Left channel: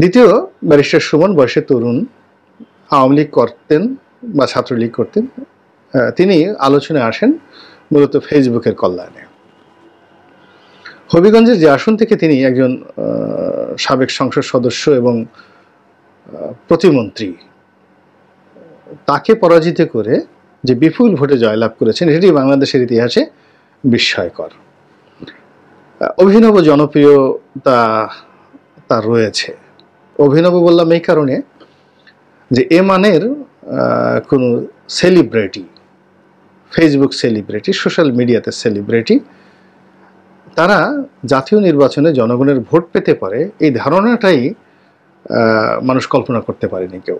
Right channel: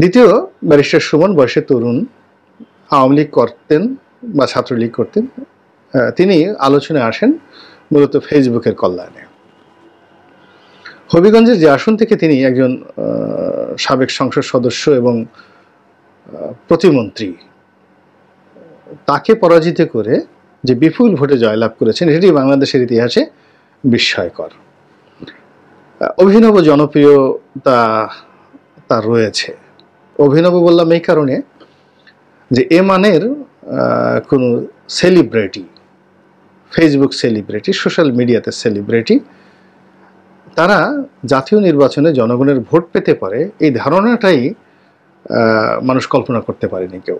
দ্বিতীয় ব্যারিস্টার সুমন বয়সে তরুণ, আওয়ামী লীগ করতেন বা ছাত্রলীগ করতেন। তিনি আলোচনায় আসেন মূলত ফেসবুকের কল্যাণে। হবিগঞ্জের যে আসন থেকে তিনি একজন সাবেক সংসদ সদস্য এবং প্রতিমন্ত্রী, তাকে পরাজিত করে যে বিপুল ভোটে জয়লাভ করেছেন, এটি বাংলাদেশের ইতিহাসে বিস্ময়কর। অভিনব জনপ্রিয়তা তার রয়েছে। অভিনব বললাম এই কারণে যে এ মানের কোনো সেলিব্রিটি, ফেসবুক সেলিব্রিটি, সোশ্যাল মিডিয়াতে সেলিব্রিটি, তারা জাতীয় নির্বাচনে জনগণের ভোট পেতে পারে এই ধারণাটাই মানুষ কল্পনা করতে পারেনি কেউ।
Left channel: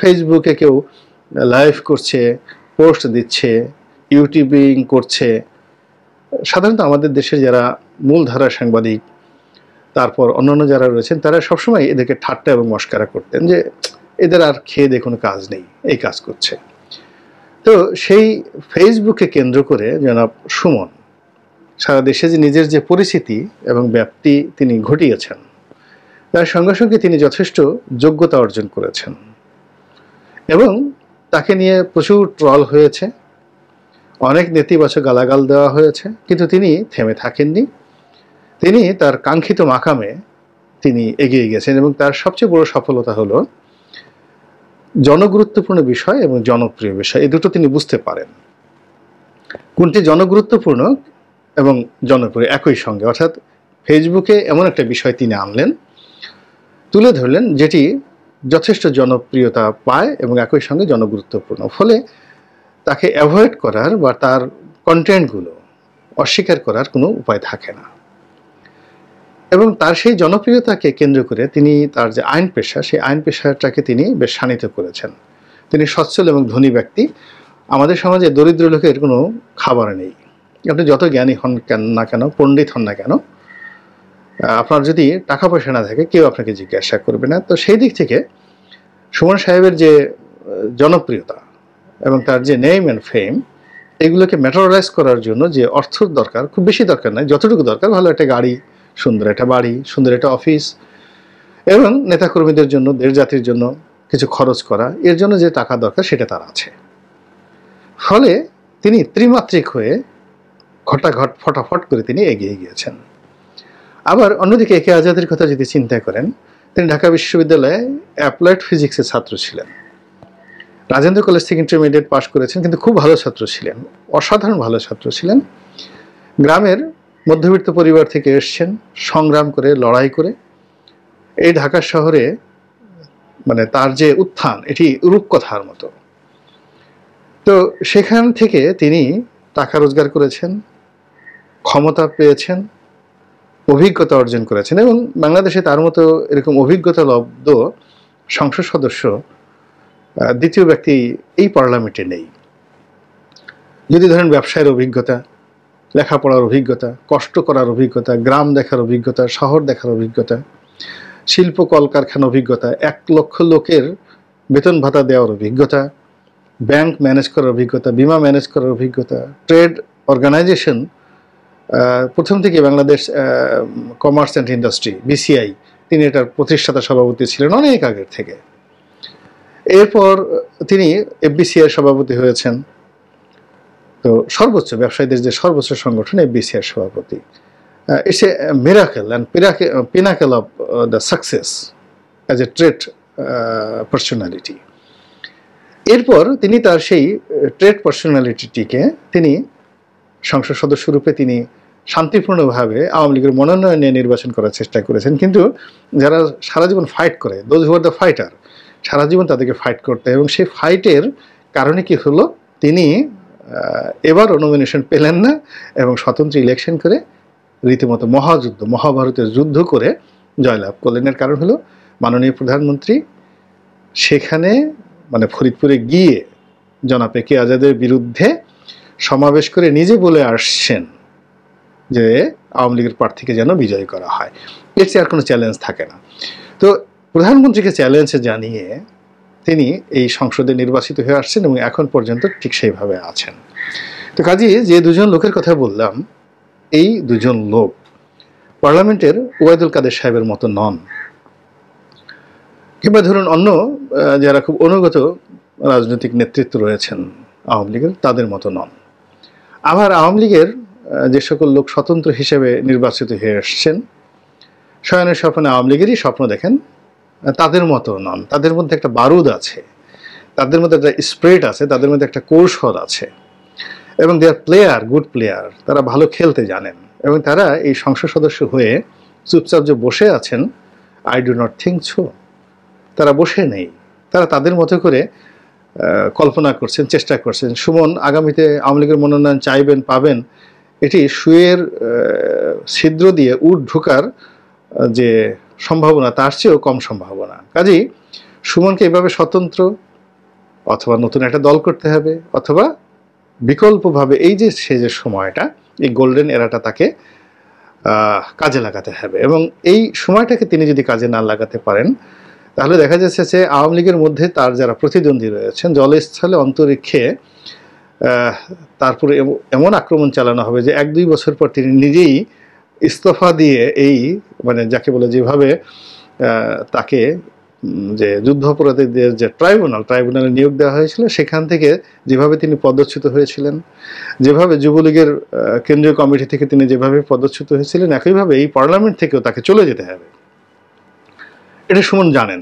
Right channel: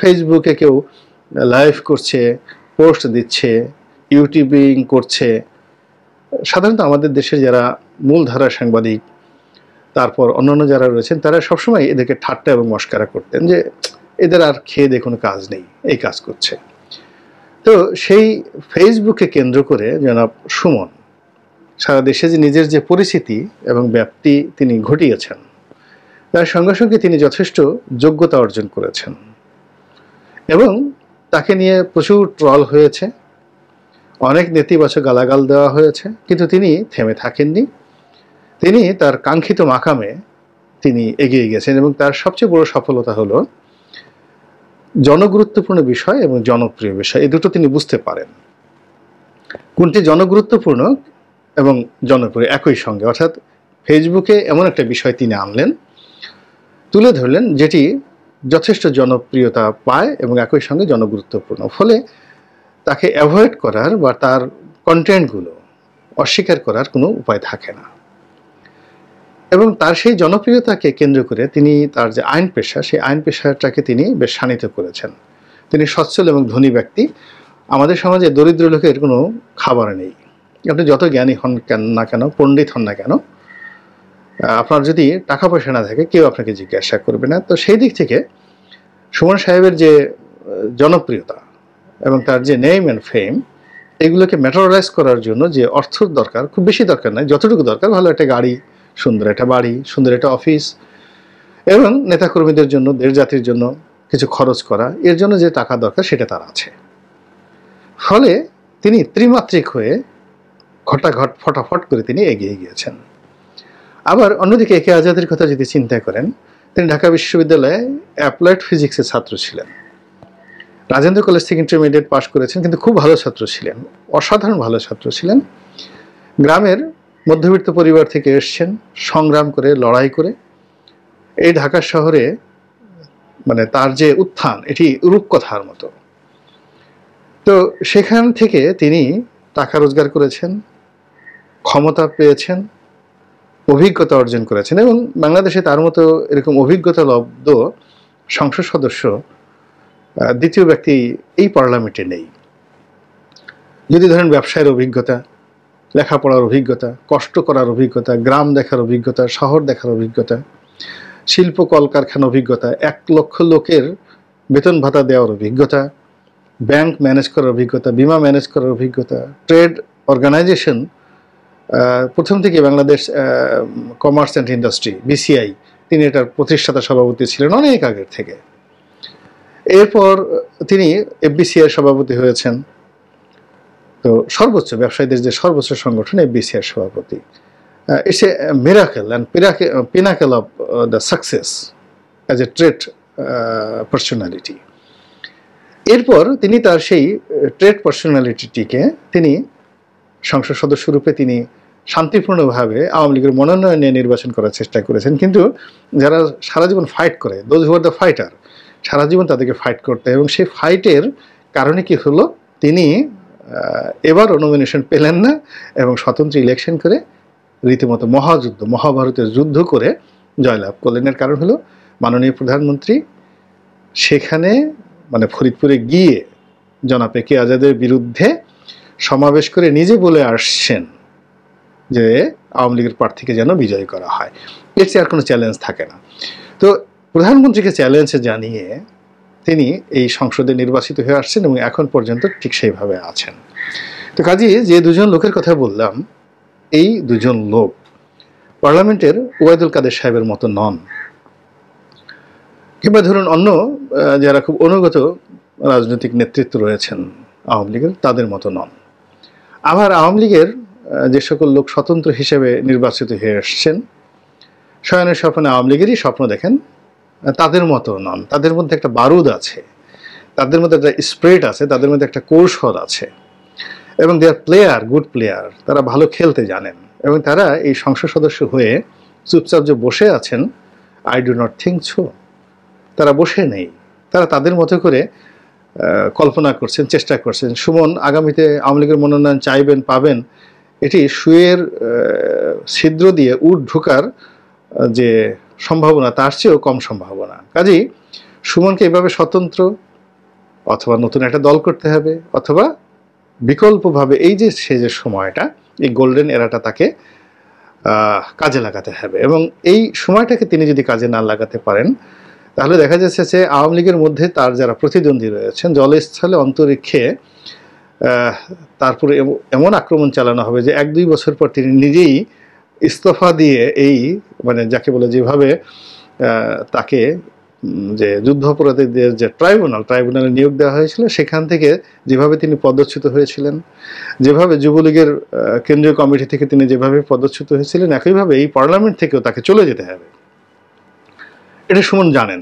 ফেসবুকে কেউ লাইভ করছে, পোস্ট দিচ্ছে, ইউটিউবিং করছে। সাধারণত আমাদের দেশের যারা মূলধারা সাংবাদিক, তারপর অন্যান্য যারা রয়েছেন, তারা সবসময় এদেরকে ঠাট্টা এবং মস্কারা করতেন যে এদের আর খেয়ে দিয়ে কোনো কাজ নেই, এই কাজ করছে। তো সেই ফেসবুককে কেন্দ্র করে জনাব সুমন সারা দেশে যে নিজের যে পরিচিতি এবং ব্যাপ্তি তিনি ঘটিয়েছেন, তার সঙ্গে সঙ্গে তিনি যথেষ্ট যোগ্যতা অর্জন করেছেন এবং তাকে নিয়ে প্রচুর ট্রল হয়েছে, অনেক নেতিবাচক গালাগাল দেওয়া হয়েছে, কিন্তু তিনি থেমে থাকেননি। তিনি তার কাঙ্ক্ষিত মাকামে তিনি এগিয়ে গেছেন এবং তার সবচেয়ে বড় সফলতা হলো জনগুরুত্বপূর্ণ বিষয় এবং জনপ্রিয় বিষয়, এই দুটো তিনি বুঝতে পারেন কোনটি জনগুরুত্বপূর্ণ এবং জনপ্রিয় একই সঙ্গে। অর্থাৎ ফেসবুকে এমন একটা বিষয় তিনি আনলেন, তুলে ধরলেন, যেটি যথেষ্ট জনপ্রিয়তা পায় এবং একই সঙ্গে জনগুরুত্বপূর্ণ। ফলে তাকে অ্যাভয়েড করার বা তার কন্টেন্টগুলো অস্বীকার করার কোনো উপায় থাকে না। এবং তার সেই জনপ্রিয়তাকে কেন্দ্র করে তিনি তার যে আইন পেশা, সেই আইন পেশাটাকে তিনি বেশ শানিত করেছেন। তিনি সচ্ছল এবং ধনী ব্যক্তি। আমাদের সমাজে দরিদ্র লোকের কোনো খাবার নেই। আপনি যত জ্ঞানী হন না কেন, পণ্ডিত হন না কেন, আপনার যদি টাকা পয়সা না থাকে কেউ আপনাকে জিজ্ঞাসা করবে না। তো সেই দিক থেকে সুমন সাহেবের যে জনপ্রিয়তা এবং তার যে নেম অ্যান্ড ফেম, এগুলোকে ম্যাটেরিয়ালাইজ করার জন্য যে অর্থ দরকার, খুব বেশি দরকার নয়, যতটুকু দরকার, ভালো একটা গাড়ি, সুন্দর একটা বাড়ি, সুন্দর একটা অফিস এবং নেতাকর্মীদের জন্য, দেশ জাতির জন্য কিছু খরচ করা, এর জন্য যে টাকা দরকার সেটা তার আছে। ফলে তিনি ত্রিমাত্রিক হয়ে ঘটাঘট ফটাফট করে তিনি এগিয়ে গিয়েছেন। আবার অন্যদিকে একে আজাদের কথা যদি চিন্তা করেন, তিনি ঢাকা বিশ্ববিদ্যালয়ে অ্যাপ্লাইড ফিজিক্সের ছাত্র ছিলেন। রাজেন্দ্র কলেজ থেকে ইন্টারমিডিয়েট পাশ করেছেন, কিন্তু খুব ভালো ছাত্র ছিলেন, অসাধারণ ভালো ছাত্র ছিলেন। গ্রামের মধ্যবিত্ত পরিবার থেকে এসছেন, সংগ্রাম করে, লড়াই করে এই ঢাকা শহরে মানে তার যে উত্থান, এটি রূপকথার মতো। তো সেখান থেকে তিনি টাকা রোজগার করেছেন, ক্ষমতা পেয়েছেন, অভিজ্ঞতা অর্জন করেছেন এবং বাংলাদেশে তার মতো এরকম অভিজ্ঞতা লব্ধ সংসদ সদস্য দ্বিতীয় ব্যক্তি এই পার্লামেন্টে নেই। যদি ধরেন ব্যবসায়ের অভিজ্ঞতা, লেখাপড়ার অভিজ্ঞতা, কষ্ট করার অভিজ্ঞতা, গ্রাম দেখার অভিজ্ঞতা, শহর দেখার অভিজ্ঞতা, শিল্প কলকারখানা অভিজ্ঞতা, 1 লক্ষ লোকের বেতন ভাতা দেওয়ার অভিজ্ঞতা, ব্যাংক ম্যানেজ করার অভিজ্ঞতা, বিমা ম্যানেজ করার অভিজ্ঞতা, ট্রেড অর্গানাইজেশন, প্রথম থেকে Bangladesh commerce and industry, BCI, তিনি এটার প্রতিষ্ঠাতা সভাপতি ছিলেন অনেক আগের থেকে। এরপর তিনি এফবিসিআই সভাপতি হয়েছেন। তো সর্বোচ্চ ব্যবসায়ীদের যে সর্বোচ্চ সংগঠন এফবিসিআই সভাপতি। It's a miracle and pinnacle of the success as a trade personality. এরপর তিনি তার সেই ট্রেড পার্সোনালিটিটিকে তিনি সংসদ সদস্য রূপে তিনি শান্তিপূর্ণভাবে আওয়ামী লীগের মনোনয়ন নিয়ে নির্বাচন করার চেষ্টা করেছেন। কিন্তু যারা সারা জীবন ফাইট করে, those who are the fighter, সারা জীবন তাদেরকে ফাইট করতে, এবং সেই ফাইটের কারণে কি হলো, তিনি এবারও নমিনেশন পেলেন না এবং স্বতন্ত্র ইলেকশন করে রীতিমতো মহাযুদ্ধ, মহাভারতের যুদ্ধ করে জয়লাভ করলেন। এর কারণ হলো মাননীয় প্রধানমন্ত্রী সেখানে মানে ফরিদপুরে গিয়ে জনাব একে আজাদের বিরুদ্ধে সমাবেশ করে নিজে বলে আসছেন যে আওয়ামী লীগের প্রার্থীকে যেন বিজয়ী করা হয়। এর চেয়ে আর কোনো চ্যালেঞ্জ থাকে না। তো প্রধানমন্ত্রীকে চ্যালেঞ্জ জানিয়ে তিনি এই সংসদে নির্বাচিত হয়ে আসছেন এবং এখন পর্যন্ত ঠিক সেইভাবে আছেন। তো কাজেই যে দুজন লোকের কথা বললাম, এই দুজন লোক পার্লামেন্টের ওবায়দুল কাদের সাহেবের মতো নন। কিংবা ধরুন অন্য যারা খুব অনুগত রাজনৈতিক নেতৃত্ব রয়েছেন আওয়ামী লীগের, তাদের মতো নন। আবার আওয়ামী লীগের যে সকল লোক স্বতন্ত্র হিসেবে নির্বাচিত হয়ে এসছেন, শয়নের স্বপ্নে আওয়ামী লীগেরই স্বপ্ন দেখেন, তাদের মতো নন। তাদের মধ্যে একটা বারুদ আছে, তাদের মধ্যে একটা স্প্রিট আছে, তাদের মধ্যে একটা কৌশল আছে, এবং দে আর প্লেয়ার, গুড প্লেয়ার। তারা ভালো খেলতে জানেন, এবং তারা এই সংসদ সদস্য হয়ে চুপচাপ যে বসে আছেন, I do not think so. তারা বসে নেই, তারা তাদের মতো করে কল্পনা করছেন, চেষ্টা করছেন। সুমন আগামীতে আওয়ামী লীগের মনোনয়ন চাইবেন, পাবেন, এটি সুয়ের ছিদ্র দিয়ে উট ঢোকার যে সম্ভাবনা, তার চেয়েও কম সম্ভাবনা। কাজেই সুমনকে এভাবে স্বতন্ত্র অথবা নতুন একটা দল করতে হবে, অথবা বিকল্পভাবে এই যে সে যে সময়টা, এই গোল্ডেন এরাটা তাকে কাজে লাগাতে হবে। এবং এই সময়টাকে তিনি যদি কাজে না লাগাতে পারেন, তাহলে দেখা যাচ্ছে যে আওয়ামী লীগের মধ্যে তার যারা প্রতিদ্বন্দ্বী রয়েছেন, জলস্থলে অন্তরিক্ষে তারপরে এমন আক্রমণ চালানো হবে যে 1-2 বছর পর তিনি নিজেই ইস্তফা দিয়ে, এই মানে যাকে বলে যেভাবে তাকে যে যুদ্ধাপরাধীদের যে ট্রাইব্যুনালে নিয়োগ দেওয়া হয়েছিল, সেখান থেকে যেভাবে তিনি পদচ্যুত হয়েছিলেন, যেভাবে যুবলীগের কেন্দ্রীয় কমিটি থেকে তিনি যেভাবে পদচ্যুত হয়েছিলেন, একইভাবে এই পার্লামেন্ট থেকেও তাকে চলে যেতে হবে। এটা সুমন জানেন,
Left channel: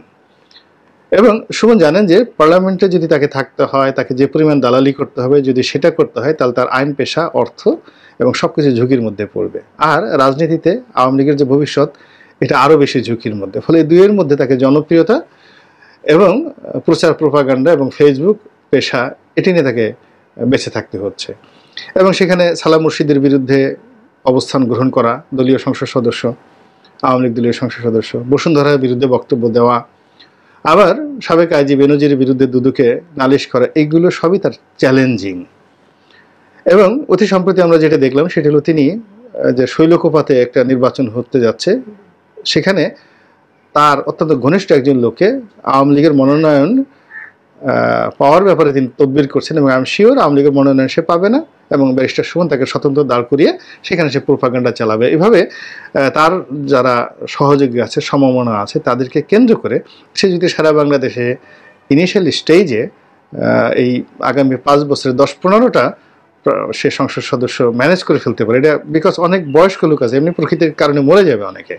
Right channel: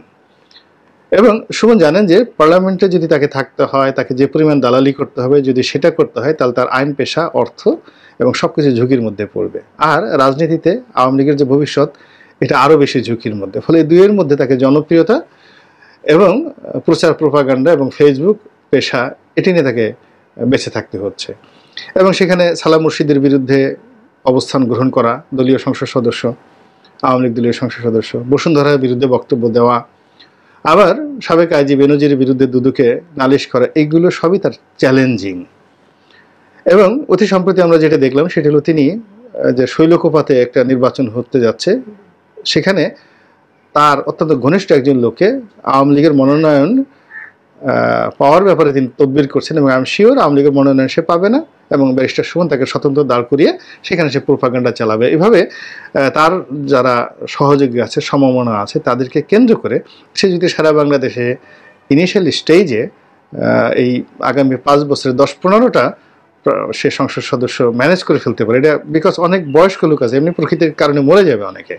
এবং সুমন জানেন যে পার্লামেন্টে যদি তাকে থাকতে হয়, তাকে যে পরিমাণ দালালি করতে হবে, যদি সেটা করতে হয়, তাহলে তার আইন, পেশা, অর্থ এবং সবকিছু ঝুঁকির মধ্যে পড়বে। আর রাজনীতিতে আওয়ামী লীগের যে ভবিষ্যৎ, এটা আরও বেশি ঝুঁকির মধ্যে। ফলে দুইয়ের মধ্যে তাকে জনপ্রিয়তা এবং প্রচার, প্রোপাগান্ডা এবং ফেসবুক পেশা, এটি নিয়ে তাকে বেঁচে থাকতে হচ্ছে। এবং সেখানে সালাম মুর্শিদের বিরুদ্ধে অবস্থান গ্রহণ করা দলীয় সংসদ সদস্য, আওয়ামী লীগ দলীয় সংসদ সদস্য, বসুন্ধরার বিরুদ্ধে বক্তব্য দেওয়া, আবার সাবেক আইজি বেনজিরের বিরুদ্ধে দুদুকে নালিশ করা, এইগুলো সবই তার চ্যালেঞ্জিং। এবং অতি সম্প্রতি আমরা যেটা দেখলাম সেটা হলো তিনি যে শৈলকুপাতে একটা নির্বাচন হতে যাচ্ছে, সেখানে তার অত্যন্ত ঘনিষ্ঠ একজন লোককে আওয়ামী লীগের মনোনয়ন পাওয়ার ব্যাপারে তিনি তদবির করছেন, এবং আমি শিওর আওয়ামী লীগের মনোনয়ন সে পাবে না, এবং ব্যারিস্টার সুমন তাকে স্বতন্ত্র দাঁড় করিয়ে সেখানে সে প্রোপাগান্ডা চালাবে। এভাবে তার যারা সহযোগী আছে, সমমনা আছে, তাদেরকে কেন্দ্র করে সে যদি সারা বাংলাদেশে ইনিশিয়াল স্টেজে এই আগামী 5 বছরে 10-15টা সে সংসদ সদস্য ম্যানেজ করে ফেলতে পারে, এটা বিকজ অনেক বয়স্ক লোক আছে, এমনি প্রকৃতির কারণে মরে যাবে অনেকে।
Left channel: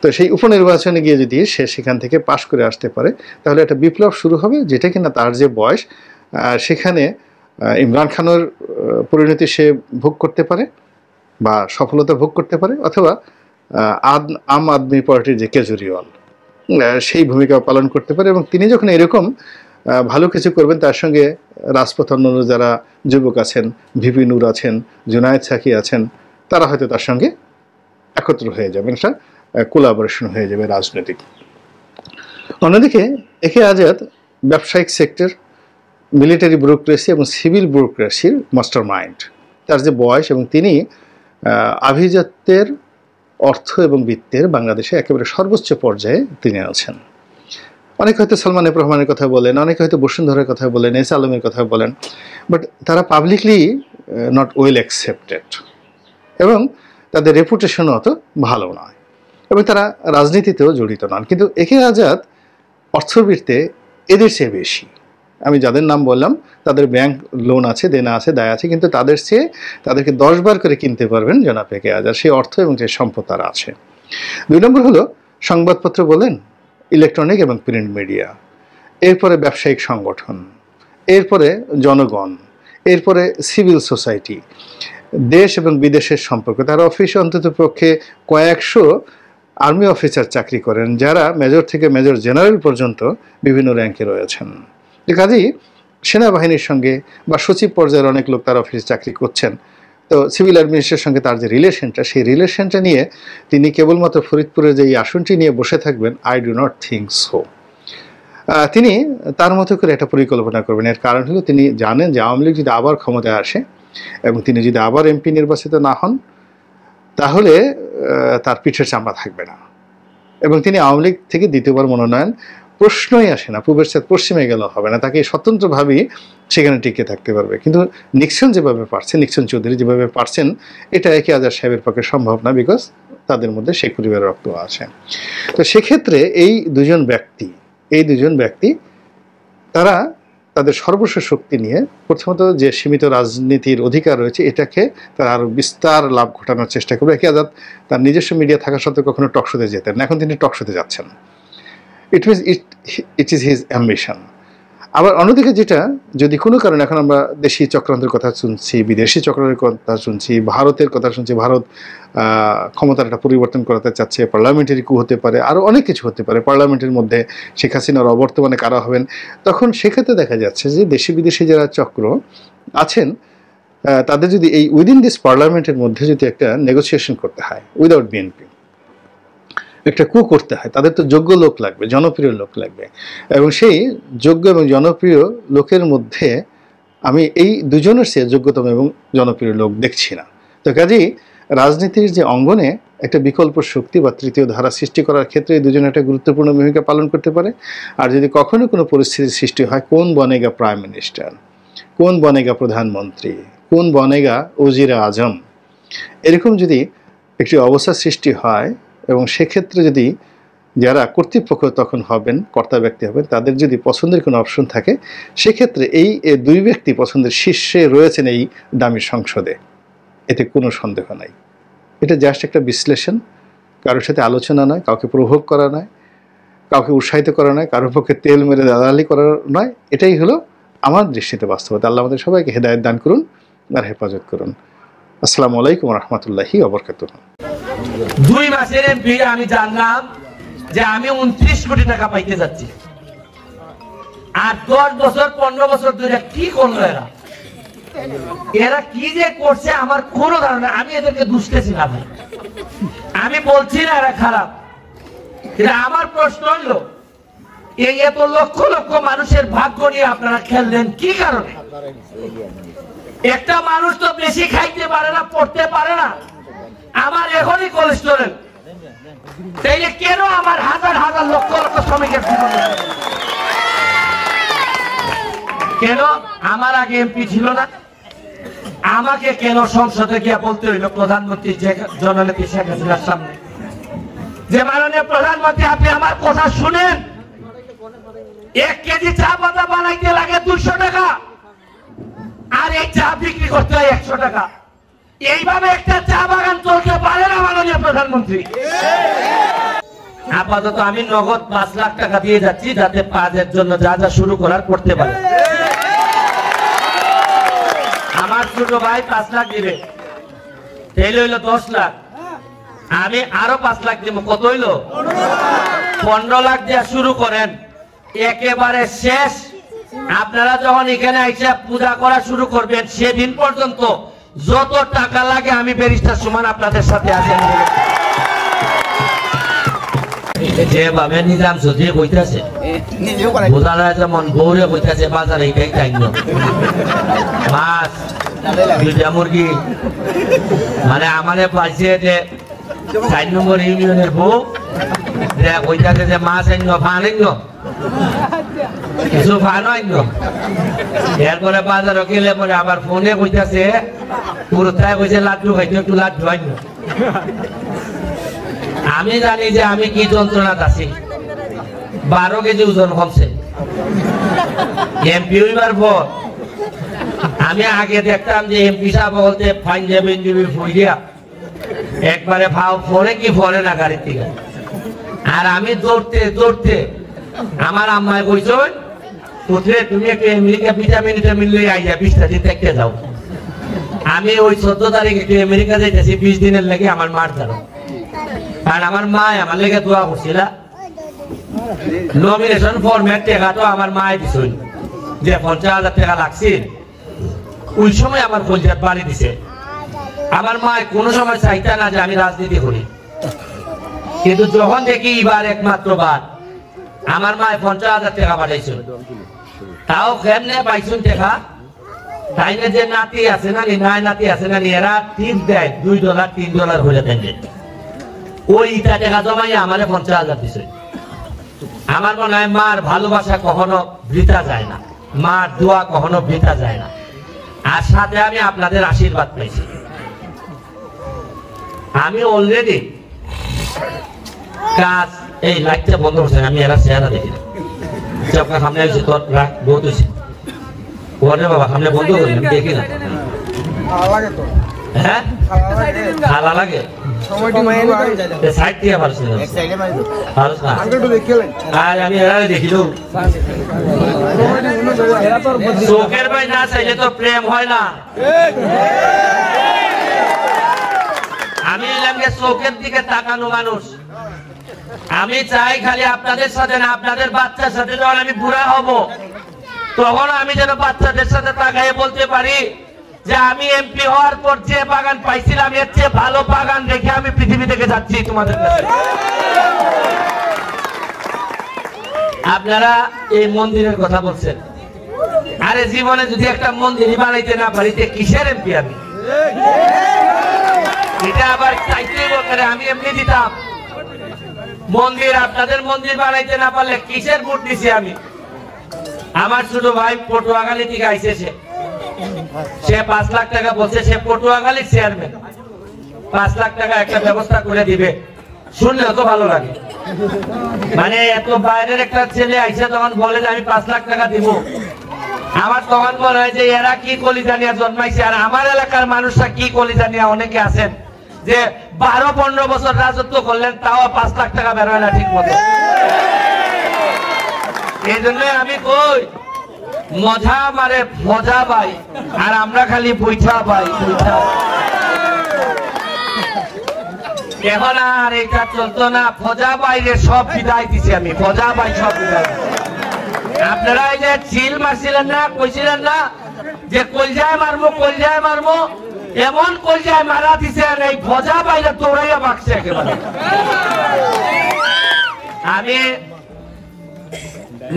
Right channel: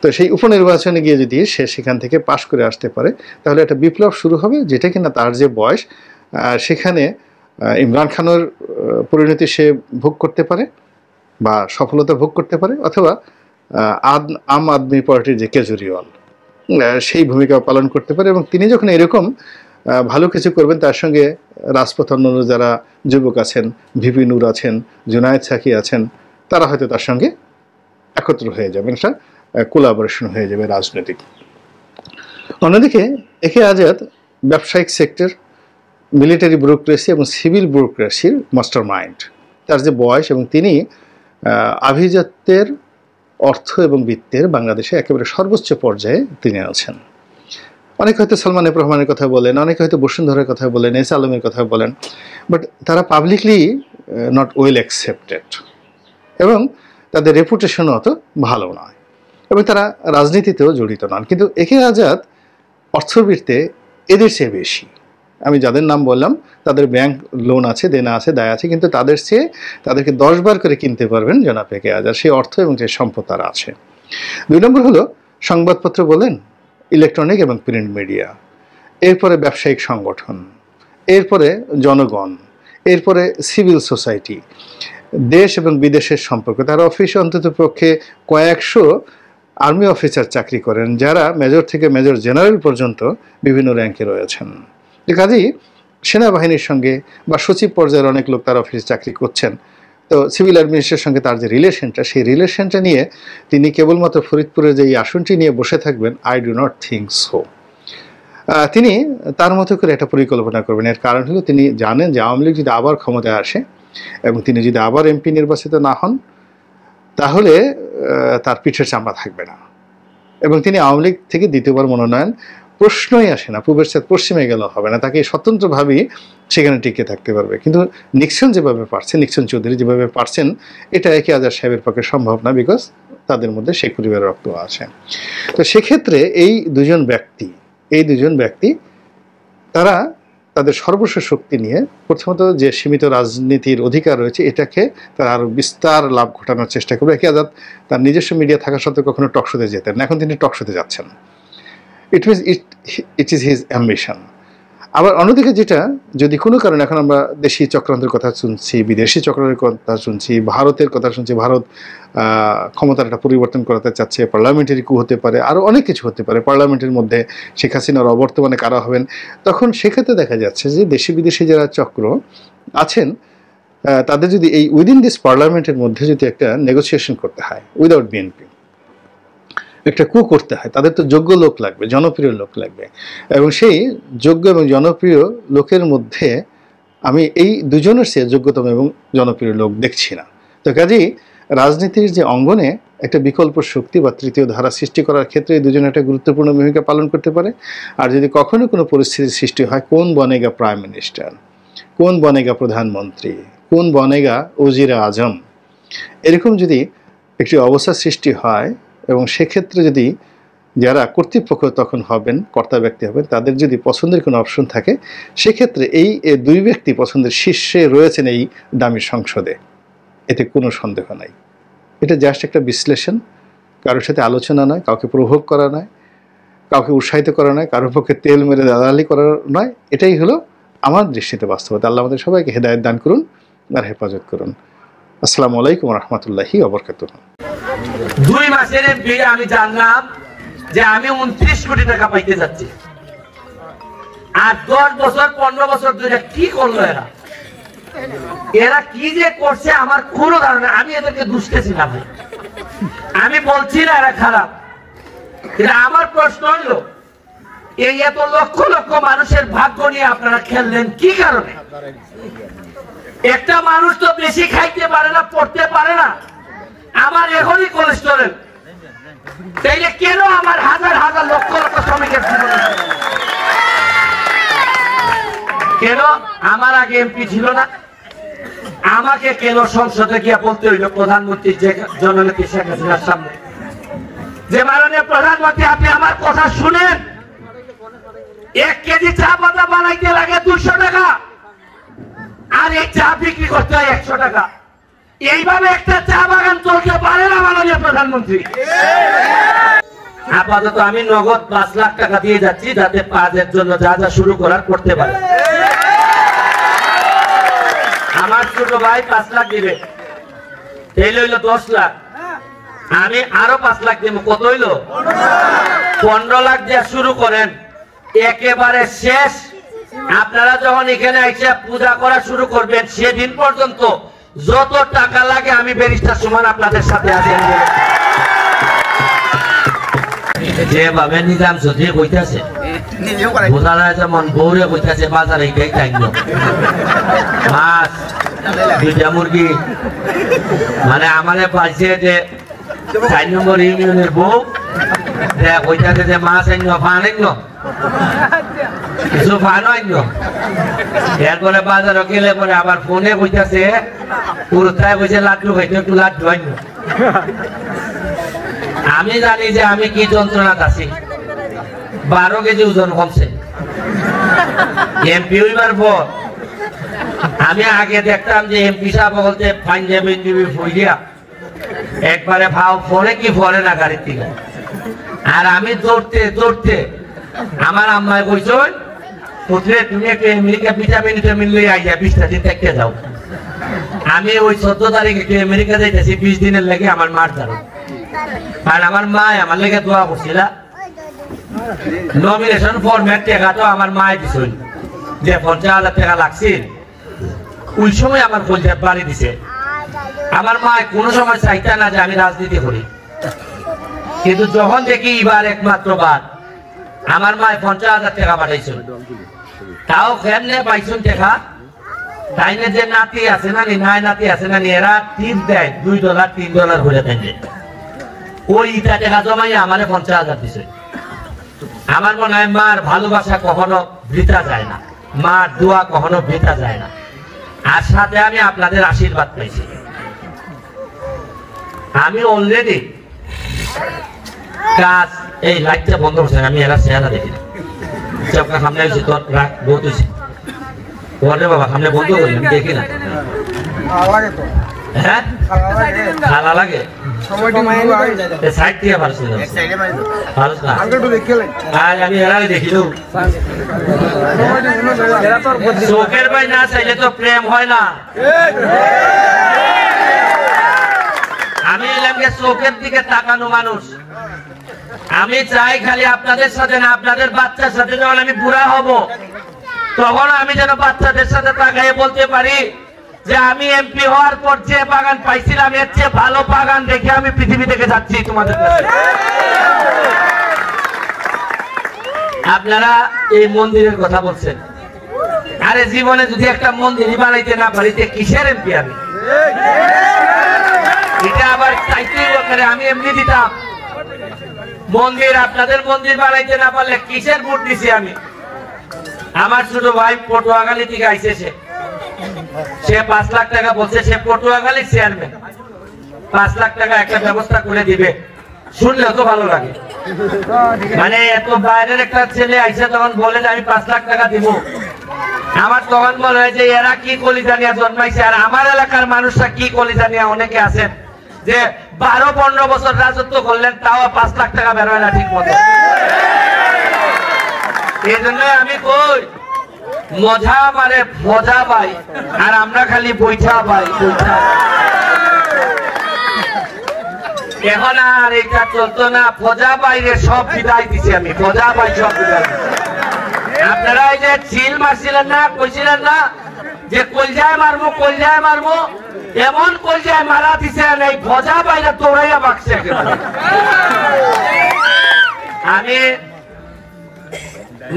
তো সেই উপনির্বাচনে গিয়ে যদি সে সেখান থেকে পাশ করে আসতে পারে, তাহলে একটা বিপ্লব শুরু হবে, যেটা কিনা তার যে বয়স, সেখানে ইমরান খানের পরিণতি সে ভোগ করতে পারে বা সফলতা ভোগ করতে পারে, অথবা আম আদমি পার্টির যে কেজরিওয়াল, সেই ভূমিকা পালন করতে পারে। এবং তিনি যখন এরকম ভালো কিছু করবেন, তার সঙ্গে রাজপথ অন্যান্য যারা যুবক আছেন, ভিপি নূর আছেন, জুনায়েদ সাকি আছেন, তারা হয়তো তার সঙ্গে একত্র হয়ে যাবেন, একটা কোলাবোরেশন হয়ে যাবে রাজনৈতিক। অন্যদিকে একে আজাদ ব্যবসায়িক সেক্টর, মিলিটারি ব্যুরোক্রেসি এবং সিভিল ব্যুরোক্রেসির মাস্টার মাইন্ড। তার যে বয়স, এবং তিনি আভিজাত্যের, অর্থ এবং বিত্তের বাংলাদেশে একেবারে সর্বোচ্চ পর্যায়ে তিনি আছেন। অনেকে হয়তো সালমান এফ রহমানের কথা বলেন, অনেকে হয়তো বসুন্ধরার কথা বলেন, এস আলমের কথা বলেন, বাট তারা পাবলিকলি নট ওয়েল অ্যাকসেপ্টেড, এবং তাদের রেপুটেশনও অত ভালো নয়, এবং তারা রাজনীতিতেও জড়িত নন। কিন্তু একে আজাদ অর্থবৃত্তে এদের চেয়ে বেশি। আমি যাদের নাম বললাম তাদের ব্যাংক লোন আছে, দেনা আছে, দায় আছে, কিন্তু তাদের চেয়ে তাদেরকে 10 বার করে কিনতে পারবেন জনাব একে আজাদ, সেই অর্থ এবং সেই সম্পদ তার আছে। 2 নম্বর হলো সংবাদপত্র বলেন, ইলেকট্রনিক এবং প্রিন্ট মিডিয়া, এরপরে ব্যবসায়িক সংগঠন, এরপরে জনগণ, এরপরে সিভিল সোসাইটি, দেশ এবং বিদেশের সম্পর্ক। তার অফিসে অন্তত পক্ষে কয়েকশো আর্মি অফিসার চাকরি করেন, যারা মেজর থেকে মেজর জেনারেল পর্যন্ত বিভিন্ন র্যাঙ্কে রয়েছেন। কাজেই সেনাবাহিনীর সঙ্গে বা সচিব পর্যায়ের অনেক লোক তার অফিসে চাকরি করছেন। তো সিভিল অ্যাডমিনিস্ট্রেশনের সঙ্গে তার যে রিলেশনটা, সেই রিলেশনটা নিয়ে তিনি কেবলমাত্র ফরিদপুরের যে এই আসনটি নিয়ে বসে থাকবেন, I do not think so. তিনি তার মতো করে একটা পরিকল্পনা করবেন। এর কারণ হলো তিনি জানেন যে আওয়ামী লীগ যদি আবার ক্ষমতায় আসে এবং তিনি যদি আবার এমপি নির্বাচিত না হন, তাহলে তার পিঠের চামড়া থাকবে না, এবং তিনি আওয়ামী লীগ থেকে দ্বিতীয়বার মনোনয়ন প্রশ্নই আসে না, পূবের সাথে পশ্চিমে গেলেও হবে না, তাকে স্বতন্ত্রভাবেই সেখানে টিকে থাকতে পারবে। কিন্তু নিক্সন যেভাবে পারছেন, নিক্সন চৌধুরী যেভাবে পারছেন, এটা একে আজাদ সাহেবের পক্ষে সম্ভব না, বিকজ তাদের মধ্যে শেখ পরিবারের রক্ত আছে। তো সেক্ষেত্রে এই দুজন ব্যক্তি এই দুজন ব্যক্তি তারা তাদের সর্বস্ব শক্তি নিয়ে প্রথমত যে সীমিত রাজনীতির অধিকার রয়েছে এটাকে তারা আরও বিস্তার লাভ ঘটানোর চেষ্টা করবে। একে আজাদ তার নিজস্ব মিডিয়া থাকা সত্ত্বেও কখনো টকশোতে যেতেন না, এখন তিনি টকশোতে যাচ্ছেন। It is his ambition. আবার অন্যদিকে যেটা যদি কোনো কারণে এখন আমরা দেশি চক্রান্তের কথা শুনছি, বিদেশি চক্রান্তের কথা শুনছি, ভারতের কথা শুনছি, ভারত ক্ষমতার একটা পরিবর্তন করাতে চাচ্ছে, পার্লামেন্টারি কু হতে পারে, আরও অনেক কিছু হতে পারে, পার্লামেন্টের মধ্যে শেখ হাসিনার অবর্তমানে কারা হবেন, তখন সেক্ষেত্রে দেখা যাচ্ছে যে দেশি বিদেশি যারা চক্র আছেন তাদের যদি এই উইদিন দিস পার্লামেন্টের মধ্যে যদি একটা নেগোসিয়েশন করতে হয় উইদাউট বিএনপি, একটা কু করতে হয়, তাদের তো যোগ্য লোক লাগবে, জনপ্রিয় লোক লাগবে, এবং সেই যোগ্য এবং জনপ্রিয় লোকের মধ্যে আমি এই দুজনের চেয়ে যোগ্যতম এবং জনপ্রিয় লোক দেখছি না। তো কাজেই রাজনীতির যে অঙ্গনে একটা বিকল্প শক্তি বা তৃতীয় ধারা সৃষ্টি করার ক্ষেত্রে এই দুজনে একটা গুরুত্বপূর্ণ ভূমিকা পালন করতে পারে। আর যদি কখনো কোনো পরিস্থিতির সৃষ্টি হয়, কোন বনেগা প্রাইম মিনিস্টার, কোন বনেগা প্রধানমন্ত্রী, কোন বনেগা ওজিরে আজম, এরকম যদি একটি অবস্থা সৃষ্টি হয় এবং সেক্ষেত্রে যদি যারা কর্তৃপক্ষ তখন হবেন, কর্তা ব্যক্তি হবেন, তাদের যদি পছন্দের কোনো অপশন থাকে, সেক্ষেত্রে এই দুই ব্যক্তি পছন্দের শীর্ষে রয়েছেন এই দামি সংসদে, এতে কোনো সন্দেহ নাই। এটা জাস্ট একটা বিশ্লেষণ, কারোর সাথে আলোচনা নয়, কাউকে প্রভোগ করা নয়, কাউকে উৎসাহিত করা নয়, কারোর পক্ষে তেল মেরে দালালি করা নয়। এটাই হলো আমার দৃষ্টিতে বাস্তবতা। আল্লাহ আমাদের সবাইকে হেদায়েত দান করুন আর হেফাজত করুন। আসসালামু আলাইকুম রহমতুল্লাহি ওয়া বারাকাতুহু। 2 মাসের বিয়ে আমি জানলাম যে আমি 29 কোটি টাকা পাইতে যাচ্ছি, আর 10 বছর 15 বছর ধরে কি করলো এরা কি যে করছে আমার কোনো ধারণা। আমি এদেরকে দুষতেছি না, আমি বলছি না এরা খারাপ, কিন্তু আমার প্রশ্ন হলো এই এত লক্ষ লক্ষ মানুষের ভাগ্য নিয়ে আপনারা খেললেন কি কারণে? একটা মানুষ তো বেশি খাইতে পারে না, পড়তে পারে না, আমার এখনই কোলেস্টেরল, তাইলে কেন আমার হাজার হাজার লক্ষ লক্ষ শ্রমিকের কেন আমার আগে এমপি ছিল না? আমাকে কেন সংসদে গিয়ে বলতে হইল প্রধানমন্ত্রী জননেত্রী শেখ হাসিনার সামনে যে মাননীয় প্রধানমন্ত্রী আপনি আমার কথা শুনেন, 1 কেজি চা পাতা বানাইতে লাগে 200 টাকা, আর এই চা বিক্রি করতে হয় 100 টাকা। এইভাবে একটা চা বাগান চলতে পারে না মাননীয় প্রধানমন্ত্রী। আপাতত আমি নগদ 5 লাখ টাকা দিয়ে যাচ্ছি যাতে কাজের জন্য যা যা শুরু করার করতে পারে। আমার ছোট ভাই 5 লাখ দিবে, তাইলে হইলো 10 লাখ, আমি আরো 5 লাখ দিব, কত হইলো? 15 লাখ দিয়ে শুরু করেন, একেবারে শেষ আপনারা যখন এখানে আইসা পূজা করা শুরু করবেন সেদিন পর্যন্ত যত টাকা লাগে আমি ব্যারিস্টার সুমন আপনাদের সাথে আছি। যেভাবে নিজাম সে বইতেছে বোঝা যায় যেমন বউরে বইতেছে বাজারে মাছ 2টা মুরগি, মানে আমাদের পাইছে যে 4 নম্বর ইউনিয়নের বউ বইতেছে যে মাছ আইন ফান আইন কিছু ফান আইন, এরপরে বাজারে গেলে পরে আবার ফোনে বইতেছে পুরোটাই বইছে লাড্ডু খাইতে, একটু লাড্ডু আইন। আমি জানি যে আমি কি যন্ত্রণা আছি, 12 কেজি ওজন কমছে এমপি হইবার পর। আমি আগে দেখতাম যে এমপি সাহেব বলতে পাঞ্জাবি ফুই দিয়া একবারে ভাও পরে কি পরে না গাড়ির থেকে, আর আমি দৌড়তে দৌড়তে আমার আম্মায় কইছো পুত্রে তুমি একটু আমেরিকা ভিটামিন লই আইয়া 20টা দিন দেখতে যাও। আমি ওই 14 তারিখে একটু আমেরিকা যাইতেছি 20 দিনের লাগে আমার মার ধরো, কারণ আমার মা আমার লেগে দোয়া করছিল। নমিনেশন ফরম্যাট টাকা তো আমার মায় দিছিল যে 50,000 টাকা লাগছিল, ওই সময় আমার কলজা বাড়ি দিছে। আমার মা কোন সময় চাইতা না যে আমি রাজনীতি করি, কিন্তু যখন দেখি এবার একমাত্র বার আমার মা 50,000 টাকা পাঠাইছিল, তাও কেমনে পাইছুন টাকা? তাইলে যে নাতি আছে না নাই নাতি আছে না এরা টিপ দেয় $2 $3 করে দেন, ওই ইটা টাকা জমাই আমার 50,000 দিছে। আমার মনে হয় মার ভালোবাসা কখনো বৃথা যায় না, মার দোয়া কখনো বৃথা যায় না, আর সাথে আমি আপনাদের আশীর্বাদ পাইছি। আমি অলরেডি কাজ এই লাইটটা বন্ধ করছেন, আমি এরা চেহারা দেখি না। চপকা সামনে এসে তোর রাখ বহুত হয়েছে ওরে বাবা সামনে বন্ধ করি আমি দেখি না হ্যাঁ খালা লাগে সাইড দিয়ে পারছি না আর আমি এরাই দেখিল চোখের ভাই না চাইলে তো প্রেম হয় না আমি এলাম চোখের দিকে তাকানো মানুষ আমি চাই খালি আপনাদের সাথে না আপনাদের বাচ্চার সাথে যখন আমি বুড়া হব তখন আমি যেন বাচ্চাদের সাথে তাকাই বলতে পারি যে আমি এমপি হওয়ার পর যে বাগান পাইছিলাম এর চেয়ে ভালো বাগান দেখে আমি পৃথিবী থেকে যাচ্ছি তোমাদের কাছে আপনারা এই মন্দিরের কথা বলছেন আরে জীবনে যদি একটা মন্দিরই বানাইতে না পারিতে কিসের এমপি আমি এটা আবার চাইতে করে আমি এমনি দিতাম মন্দির আপনাদের মন্দির বানাইতে না পারলে কিসের ভোট দিছি আমি আমার ছোট ভাই পটুয়াখালী থেকে আইছে সে 5 লাখ টাকা বলছে সে পটুয়াখালীর চেয়ারম্যান 5 লাখ টাকা একটা ব্যবস্থা করে দিবে শুনলে তো ভালো লাগে মানে এত বাইরের একটা ছেলে আইসে তখন বলে যে আমি 5 লাখ টাকা দিব আমার তখন মনে হয় যে এরা কি কলিজা নিয়ে জন্মাইছে আর আমার এলাকার মানুষরা কি কলিজা নিয়ে অনেকে আছেন যে 12-15 বছর রাজত্ব করলেন তাও 5 লাখ টাকা বের হয় না ঠিক মতো এই জন্য আমি কই মজা মারে মজা পাই আর আমরা খালি বৈঠা পাই বৈঠা এখন আর এটা চলতো না ফজা বাইরে সব বিদায় দিছি আমি ফজা বাই সব বিদায় আপনারা এই যে চিল মারছিলেন না কইছিলেন না যে কলজায় মারবো এমন কলজায় মারা দিছে এই ফজা বাইরে দৌড়াইয়া বাঁকছে একেবারে আমি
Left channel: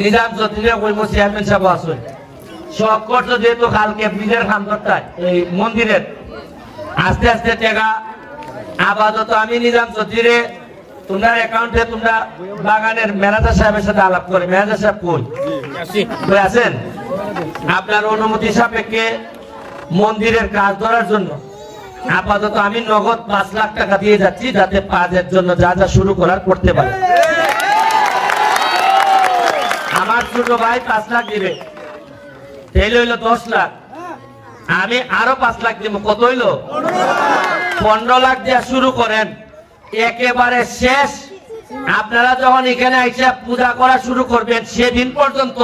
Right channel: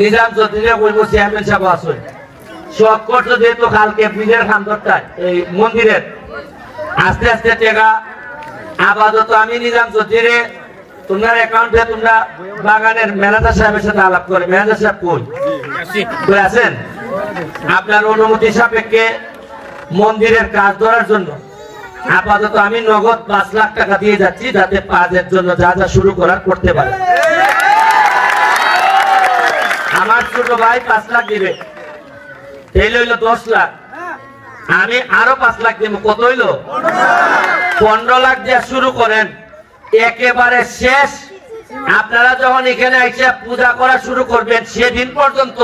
নিজাম চৌধুরীরা বলবো চেয়ারম্যান সাহেব আসুন শখ করছো যেহেতু কালকে ব্রিজের খানদরটায় এই মন্দিরের আস্তে আস্তে টেকা আপাতত আমি নিজাম চৌধুরী তোমরা অ্যাকাউন্টে তোমরা বাগানের ম্যানেজার সাহেবের সাথে আলাপ করে ম্যানেজার সাহেব কই আছেন আপনার অনুমতি সাপেক্ষে মন্দিরের কাজ ধরার জন্য আপাতত আমি নগদ 5 লাখ টাকা দিয়ে যাচ্ছি যাতে কাজের জন্য যা যা শুরু করার করতে পারে আমার ছোট ভাই 5 লাখ দিবে তাইলে হইলো 10 লাখ আমি আরো 5 লাখ দিব কত হইলো 15 লাখ দিয়ে শুরু করেন একেবারে শেষ আপনারা যখন এখানে এসে পূজা করা শুরু করবেন সেদিন পর্যন্ত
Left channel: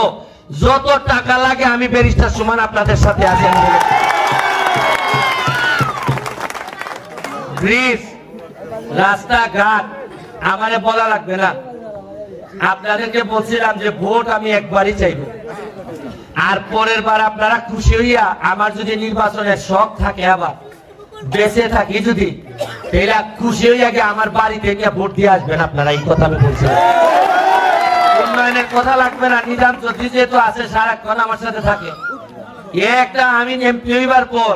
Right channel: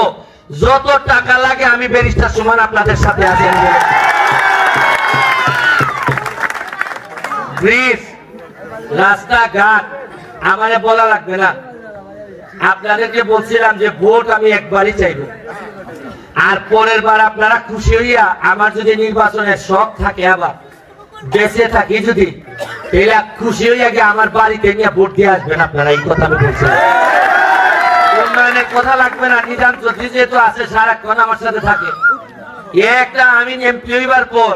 যত টাকা লাগে আমি ব্যারিস্টার সুমন আপনাদের সাথে আছি ব্রিজ রাস্তাঘাট আমারে বলা লাগবে না আপনাদেরকে বলছিলাম যে ভোট আমি একবারই চাইব আর পরের বার আপনারা খুশি হইয়া আমার যদি নির্বাচনের শখ থাকে আবার বেঁচে থাকি যদি তাহলে খুশি হইয়া গিয়ে আমার বাড়িতে নিয়ে ভোট দিয়ে আসবেন আপনারা এই কথা আমি বলছিলাম উন্নয়নের কথা লাগবে না নিজাম চৌধুরী যেহেতু আছে সারাক্ষণ আমার সাথে থাকে একটা আমি এমপি হইবার পর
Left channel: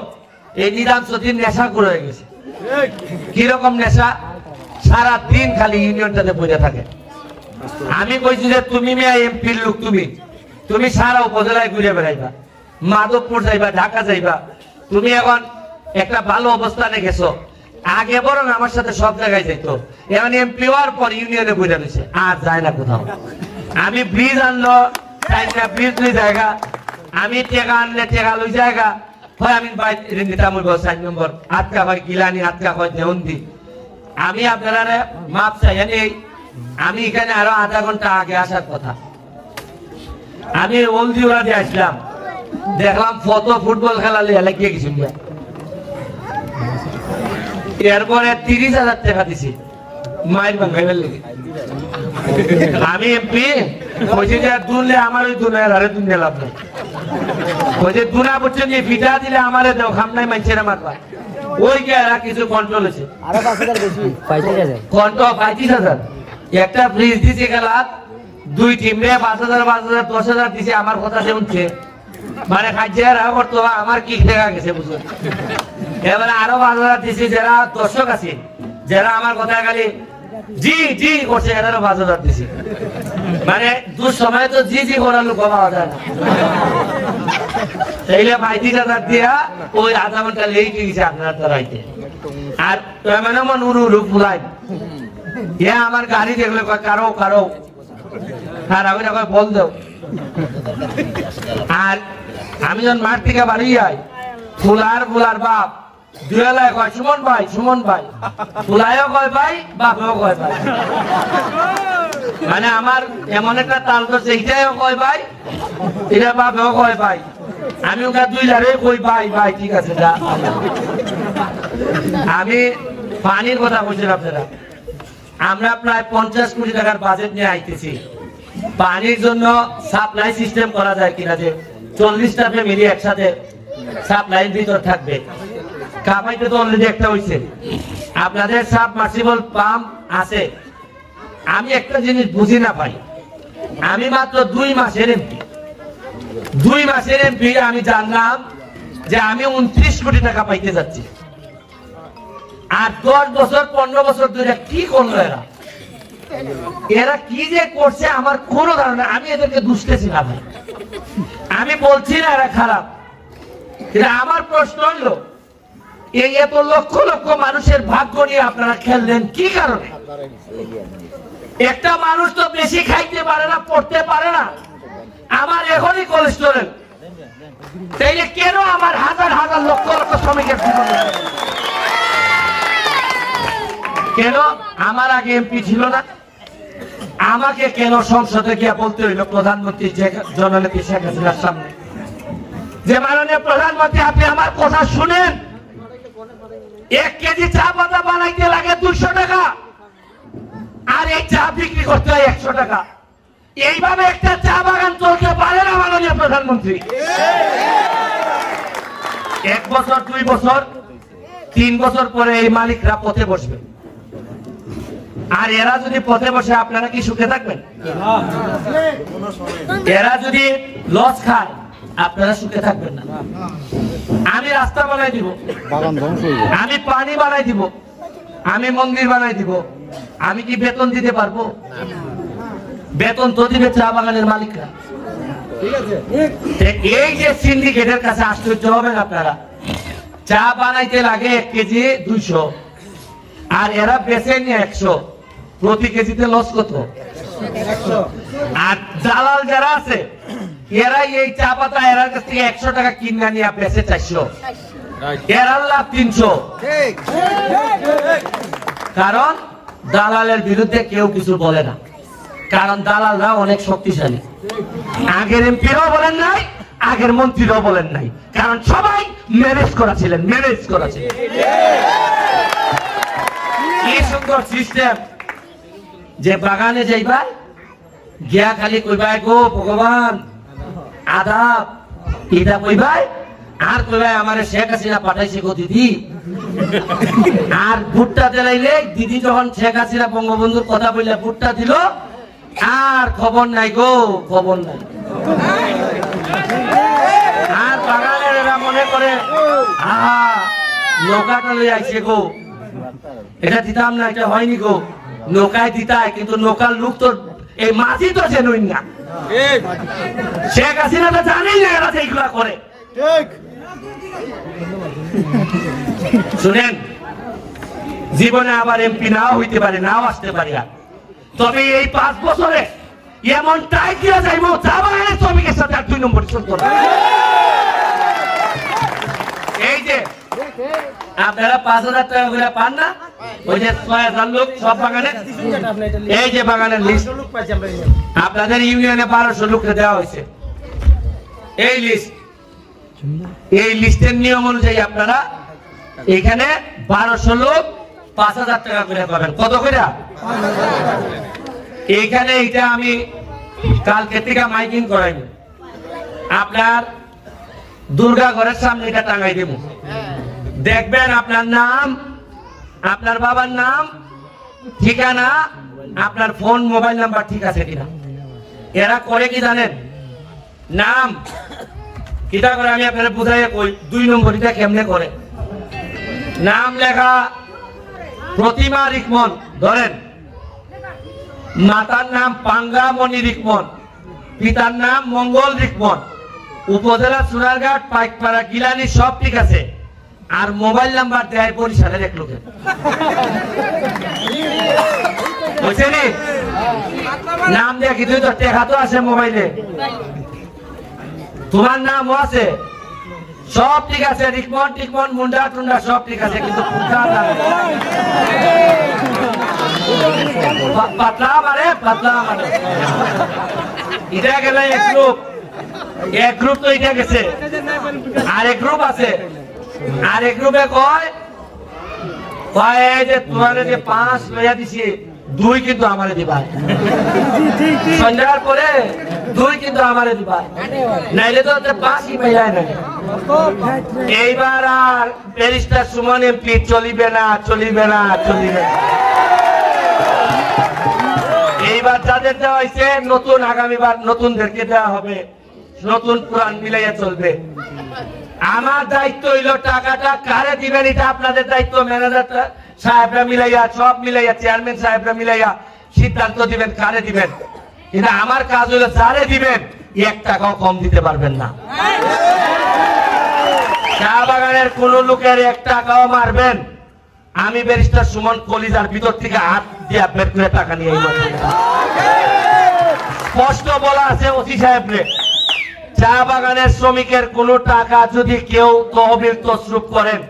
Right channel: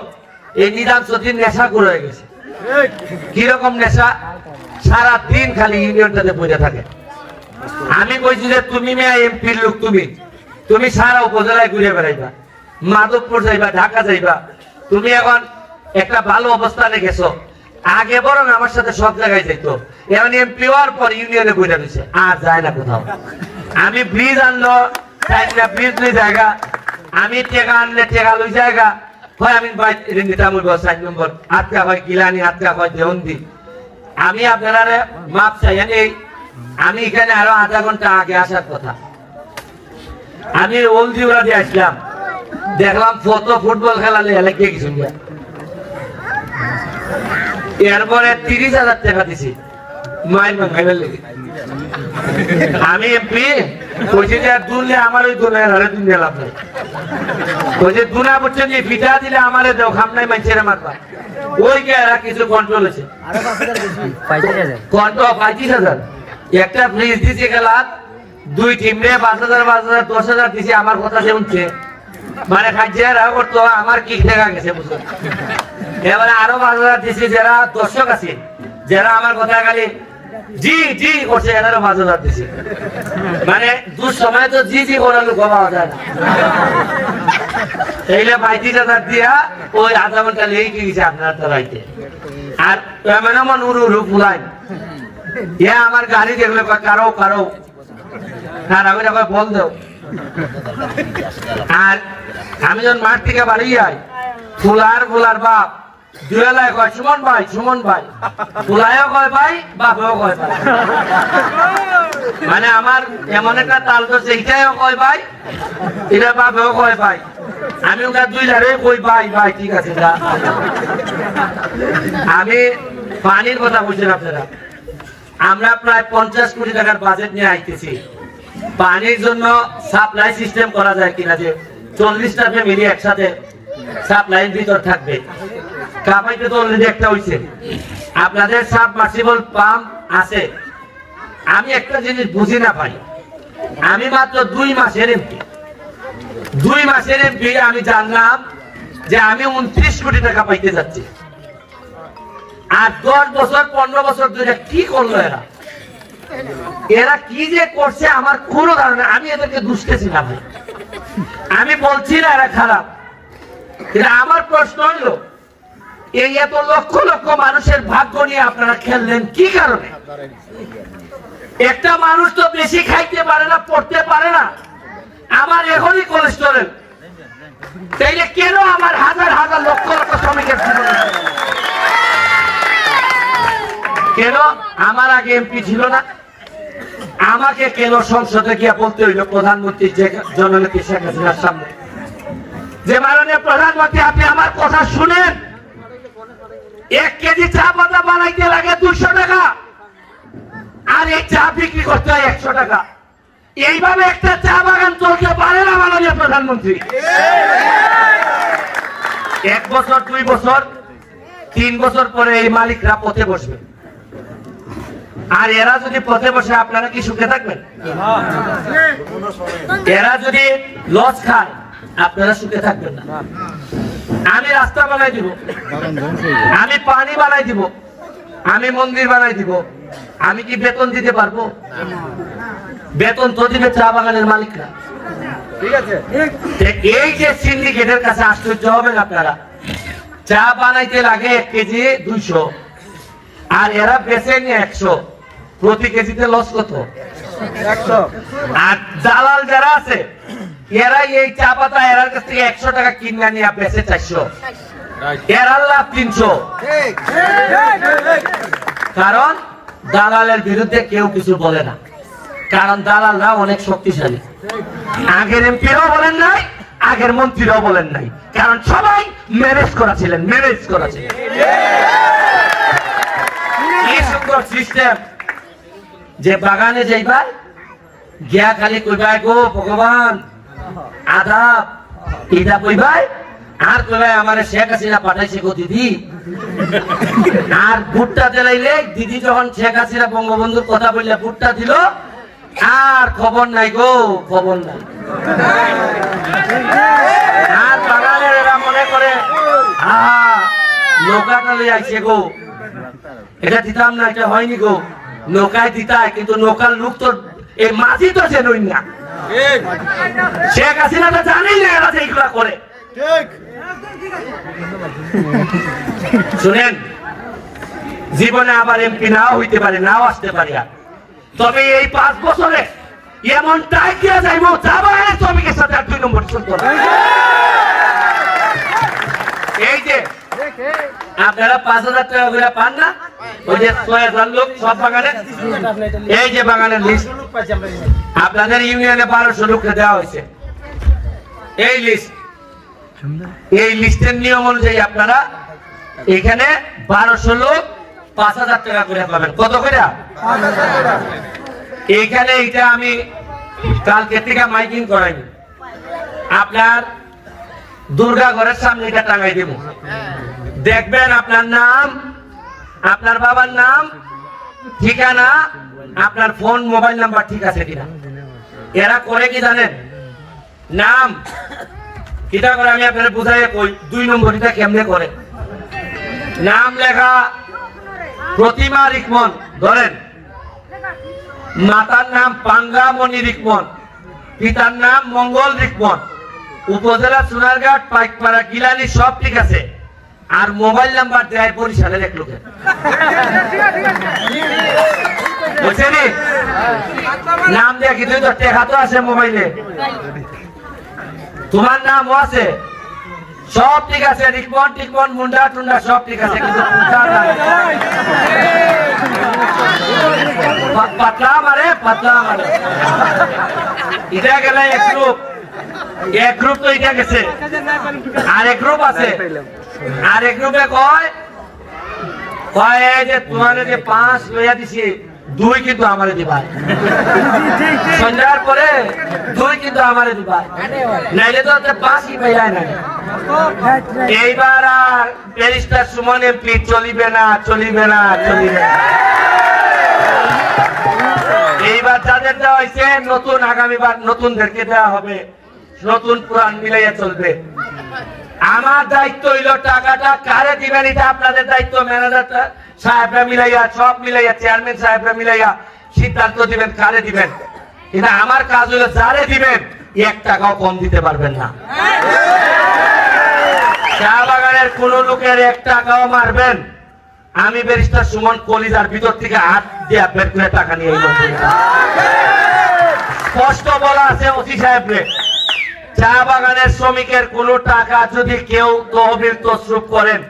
এই নিজাম চৌধুরীর নেশা করে হয়ে গেছে কিরকম নেশা সারা দিন খালি ইউনিয়নটাতে বসে থাকে আমি কইছি যে তুমি মেয়ে এমপির লোক তুমি সারা উপজেলায় ঘুরে বেড়াইবা মাধবপুর যাইবা ঢাকা যাইবা তুমি এখন একটা ভালো অবস্থানে গেছো আগে বরং আমার সাথে সব জায়গায় যেত এখন এমপি হওয়ার পর ইউনিয়নে ঘুরে দিছে আর যায় না কোথাও আমি ব্রিজ আনলো ব্রিজ দুই জায়গা আমি টেকা আনলে টেকা লই জায়গা হয় আমি নিতামুল 4 নম্বর আটকা হয় গিলানি আটকা হয় দেওন্দি আমি আপনারা মাপ চাই আমি এখানে আরো আধা ঘন্টা আগে আসার কথা আমি ওলজিওরা দিয়ে আসলাম দেখলাম ফুটবল খেলা লেগে গেছি এরপরে 30,000 টাকা দিছি মাইল ভাঙাইবার লেগে আমি এমপি কইছি যে দুনলে আমার ওই দুনের হারে দুনিয়া লাভ নাই কইছে দুনা বুঝছেন যে ভিটা দিলে আমারে দাও খামনাই মাইছে না মাত্রা ওই কে আর কিছু কন্ট্রোল হয়েছে আরো 5,000 বেশি 35,000 একটা ফ্রিজ দিছে গেলা দুই টিমে 5,000 10,000 দিছে আমার কথা শুনছে মানে খাইছে আর তো আমার কি টাকা গেছে বুঝছো এবারে আরো 5,000 দিছে যারা দর্শক আছে যারা আমার কথা খালি জি জি করছে এটারও 5,000 দিছে মানে দু সময় তো জি জি করার লোক পাওয়া যায় না এইলে 35,000 দিয়া ওই আধা ঘন্টা লেগে গেছে আপনার তো রাইতে আর মানে মন উড়ু পুলাই আমার গাড়ি দেখলে কারো আর আমি আবার বল দাও। আর আমি যখন মাঠ থেকে বাড়ি যাই, ফুলার বাপ দুয়েলায় কয় সুমন ভাই, ফুলায়ও কয় ভাই, বাপেও কয় ভাই। মানে আমার এমন একটা তাল ধরছে, এইটাও কয় ভাই, এটা বাপেও কয় ভাই। আমি ওটা দুই লারে কই ভাই ঠিক আছে। আমি পানির কথা বলছিলাম আপনারা, আমরা প্রায় 50 কোটি টাকার বাজেট নিয়ে আইতেছি। পানির জন্য সাপ্লাই সিস্টেম করা যায় কিনা, যে 40টা ফ্যামিলি একসাথে সাপ্লাইয়ের ভিতর থাকবে। কাপাইতে তো অলরেডি একটা হইছে। আপনাদের সাবমার্সিবল পাম্প আছে। আমি একটা জিনিস বুঝি না ভাই, আমি মাত্র 2 মাসের এমপি, 2 মাসের এমপি আমি জানলাম যে আমি 29 কোটি টাকা পাইতে যাচ্ছি। আর 10 বছর 15 বছর ধরে কি করলো এরা কি যে করছে আমার কোনো ধারণা। আমি এদেরকে দুষতেছি না ভাই, আমি বলছি না এরা খারাপ। আমার প্রশ্ন হলো, এই এত লক্ষ লক্ষ মানুষের ভাগ্য নিয়ে আপনারা খেললেন কি কারণে? একটা মানুষ তো বেশি খাইতে পারে না, পড়তে পারে না, আমার এখনই কোলেস্টেরল, তাইলে কেন আমার হাজার হাজার লক্ষ লক্ষ শ্রমিকের কেন আমার আগে এমপি ছিল না? আমাকে কেন সংসদে গিয়ে বলতে হইল প্রধানমন্ত্রী জননেত্রী শেখ হাসিনার সামনে যে মাননীয় প্রধানমন্ত্রী আপনি আমার কথা শুনেন, 1 কেজি চা পাতা বানাইতে লাগে 200 টাকা, আর এই চা বিক্রি করতে হয় 100 টাকা। এইভাবে একটা চা বাগান চলতে পারে না মাননীয় প্রধানমন্ত্রী। 1 বছর 2 বছর 3 বছর পরে এই মালিকরা পথে বসবে। আর এরা যদি পথে বসে আপনারা কি সুখে থাকবেন? এরা যদি লস খায় আপনারা সুখে থাকবেন না। আমি রাস্তা বানাই দিব, আমি পানি বানাই দিব, আমি মন্দির বানাই দিব, আমি কি বেতন দিতে পারবো? বেতন তো দিবে চা বাগানের মালিকরা। এই যে সিন্ডিকেটের কাছে আশ্চর্য হবেন আপনারা, চা বানাইতে লাগে 1 কেজি 200, আর এরা বেচে নিয়ে 100, প্রতি কেজিতে লস কত? 100। আর দালাল যারা আছে এরা এই চা পাতা এরার কাছ থেকে 100 টাকা কিনে নিয়ে বেচে 400, এরা লাভ 300। কারণ দালালের বিরুদ্ধে কেউ কিছু বলে না, কারণ দালালরা অনেক শক্তিশালী। আগের এমপিরাও বলেন নাই, আগের মন্ত্রীরাও বলেন নাই, কারণ সবাই ম্যানেজ করেছিলেন। কি সুন্দর সিস্টেম যে বাগানে যাইবার গিয়া খালি কইবাই গো ভগবান আদাব, এটা কইবাই আর কইবাই আমার শেখ হাসিনা পাঠাইছে গো দিদি। আর ভুট্টা দিলাইলে দিদি যখন শেখ হাসিনা বঙ্গবন্ধুর কথা বললে ভুট্টা দিল, আর খবর নাই গো, খবর নাই। আর বাগানের এরা মনে করে নৌকাটা লই আইছে গো, এটা দিতাম না, এটা হয়নি গো। নৌকায় দিতায়, কিন্তু নৌকার লোক তো এই মাঝি তো জেনুই না। শেখ হাসিনাটা জানেই না এরা এইগুলা করে। শুনেন, জীবনে আবার এমপি নাও হইতে পারে, নাও আসতে পারে, তবে এই 5 বছরে এমন টাইট দিয়া যাইব চা বাগানের শ্রমিকের সাথে 2 নম্বর চলত। এই যে আপনারা 5000 টাকা করে পান না, ওই যে 6000 লোক সব বাগানে, এই যে বাগানের লিস্ট আপনাদের ইউনিয়নে 1200 লোককে দেওয়া হয়েছে। এই লিস্ট, এই লিস্টের নিয়ম অনুযায়ী আপনারা এখানে 1200 লোক 5000 টাকা করে পাবেন। কত করে? এইখানে এটা আমি কালকে থেকে মাইকিং করাইনি, আপনার দুর্গা ঘরের সামনে এটা টাঙাই দেব। দেখবেন আপনার নাম, আপনার বাবার নাম, ঠিকানা, আপনার ফোন মোবাইল নাম্বার ঠিক আছে কিনা। এরা করে কি জানেন? নাম কিটা করে আমি আপনার বুঝাই কই, 2 নম্বরটা কেমনে করে। নাম লেখা প্রতিমা রিকমন, ধরেন মাতার নাম পাঙ্গামণি রিকমন, পিতার নাম মঙ্গল রিকমন, উপজেলা সোনারঘাট, পাইকপাড়া, গিলানি, সব ঠিক আছে। আর মোবাইল নাম্বার দেয় বরিশালের এক লোকের, বুঝছেন? নাম দেখি তুই তো টেকা তো আছে মোবাইলে, তোমার নামও আছে, সব ঠিক আছে, রিকমন টিকমন মুন্ডা টুন্ডা সব ঠিক আছে, কিন্তু পাতলা মারে পাতলা মারে। এটা গেল এক গ্রুপ তো এটা গেছে, আর এক গ্রুপ আছে, আর এক গ্রুপে কয় যে তোমার যে 5 লইয়া দিছি 2 কিন্তু আমারে দিবা, সন্ধ্যার পরে 2 কিন্তু আমারে দিবা, নাইলে তো 5ই পাইয়া না। এইবার আর ব্যারিস্টার সুমন এমপি চলিবে না, চলিবে না, চলিবে না। এইবার যাদের দেওয়া হয়েছে নতুন, আগামীবার নতুনদেরকে দেওয়া হবে, নতুন পুরান মিলাইয়া চলবে। আমার দায়িত্ব হইল টাকাটা কারে দিবেন এটা আপনাদের দায়িত্ব, ম্যানেজার সাহেবরা মিলাইয়া, সব মিলাইয়া, চেয়ারম্যান সাহেবরা মিলাইয়া সিদ্ধান্ত দিবেন কারে দিবেন। কিন্তু আমার কাজ হইল যারে দিবেন 1 টাকাও কম দিতে পারবেন না। চা বাগানের কোন লোকের 1 টাকাও মারবেন, আমি ব্যারিস্টার সুমন কলিজার ভিতর থেকে হাত দিয়ে বের করে টাকা নিয়ে এলো। স্পষ্ট বলা আছে ওসি সাহেবরে, চা বাগানের শ্রমিকের কোন টাকা যদি কেউ তহবিল তসরুপ করেন,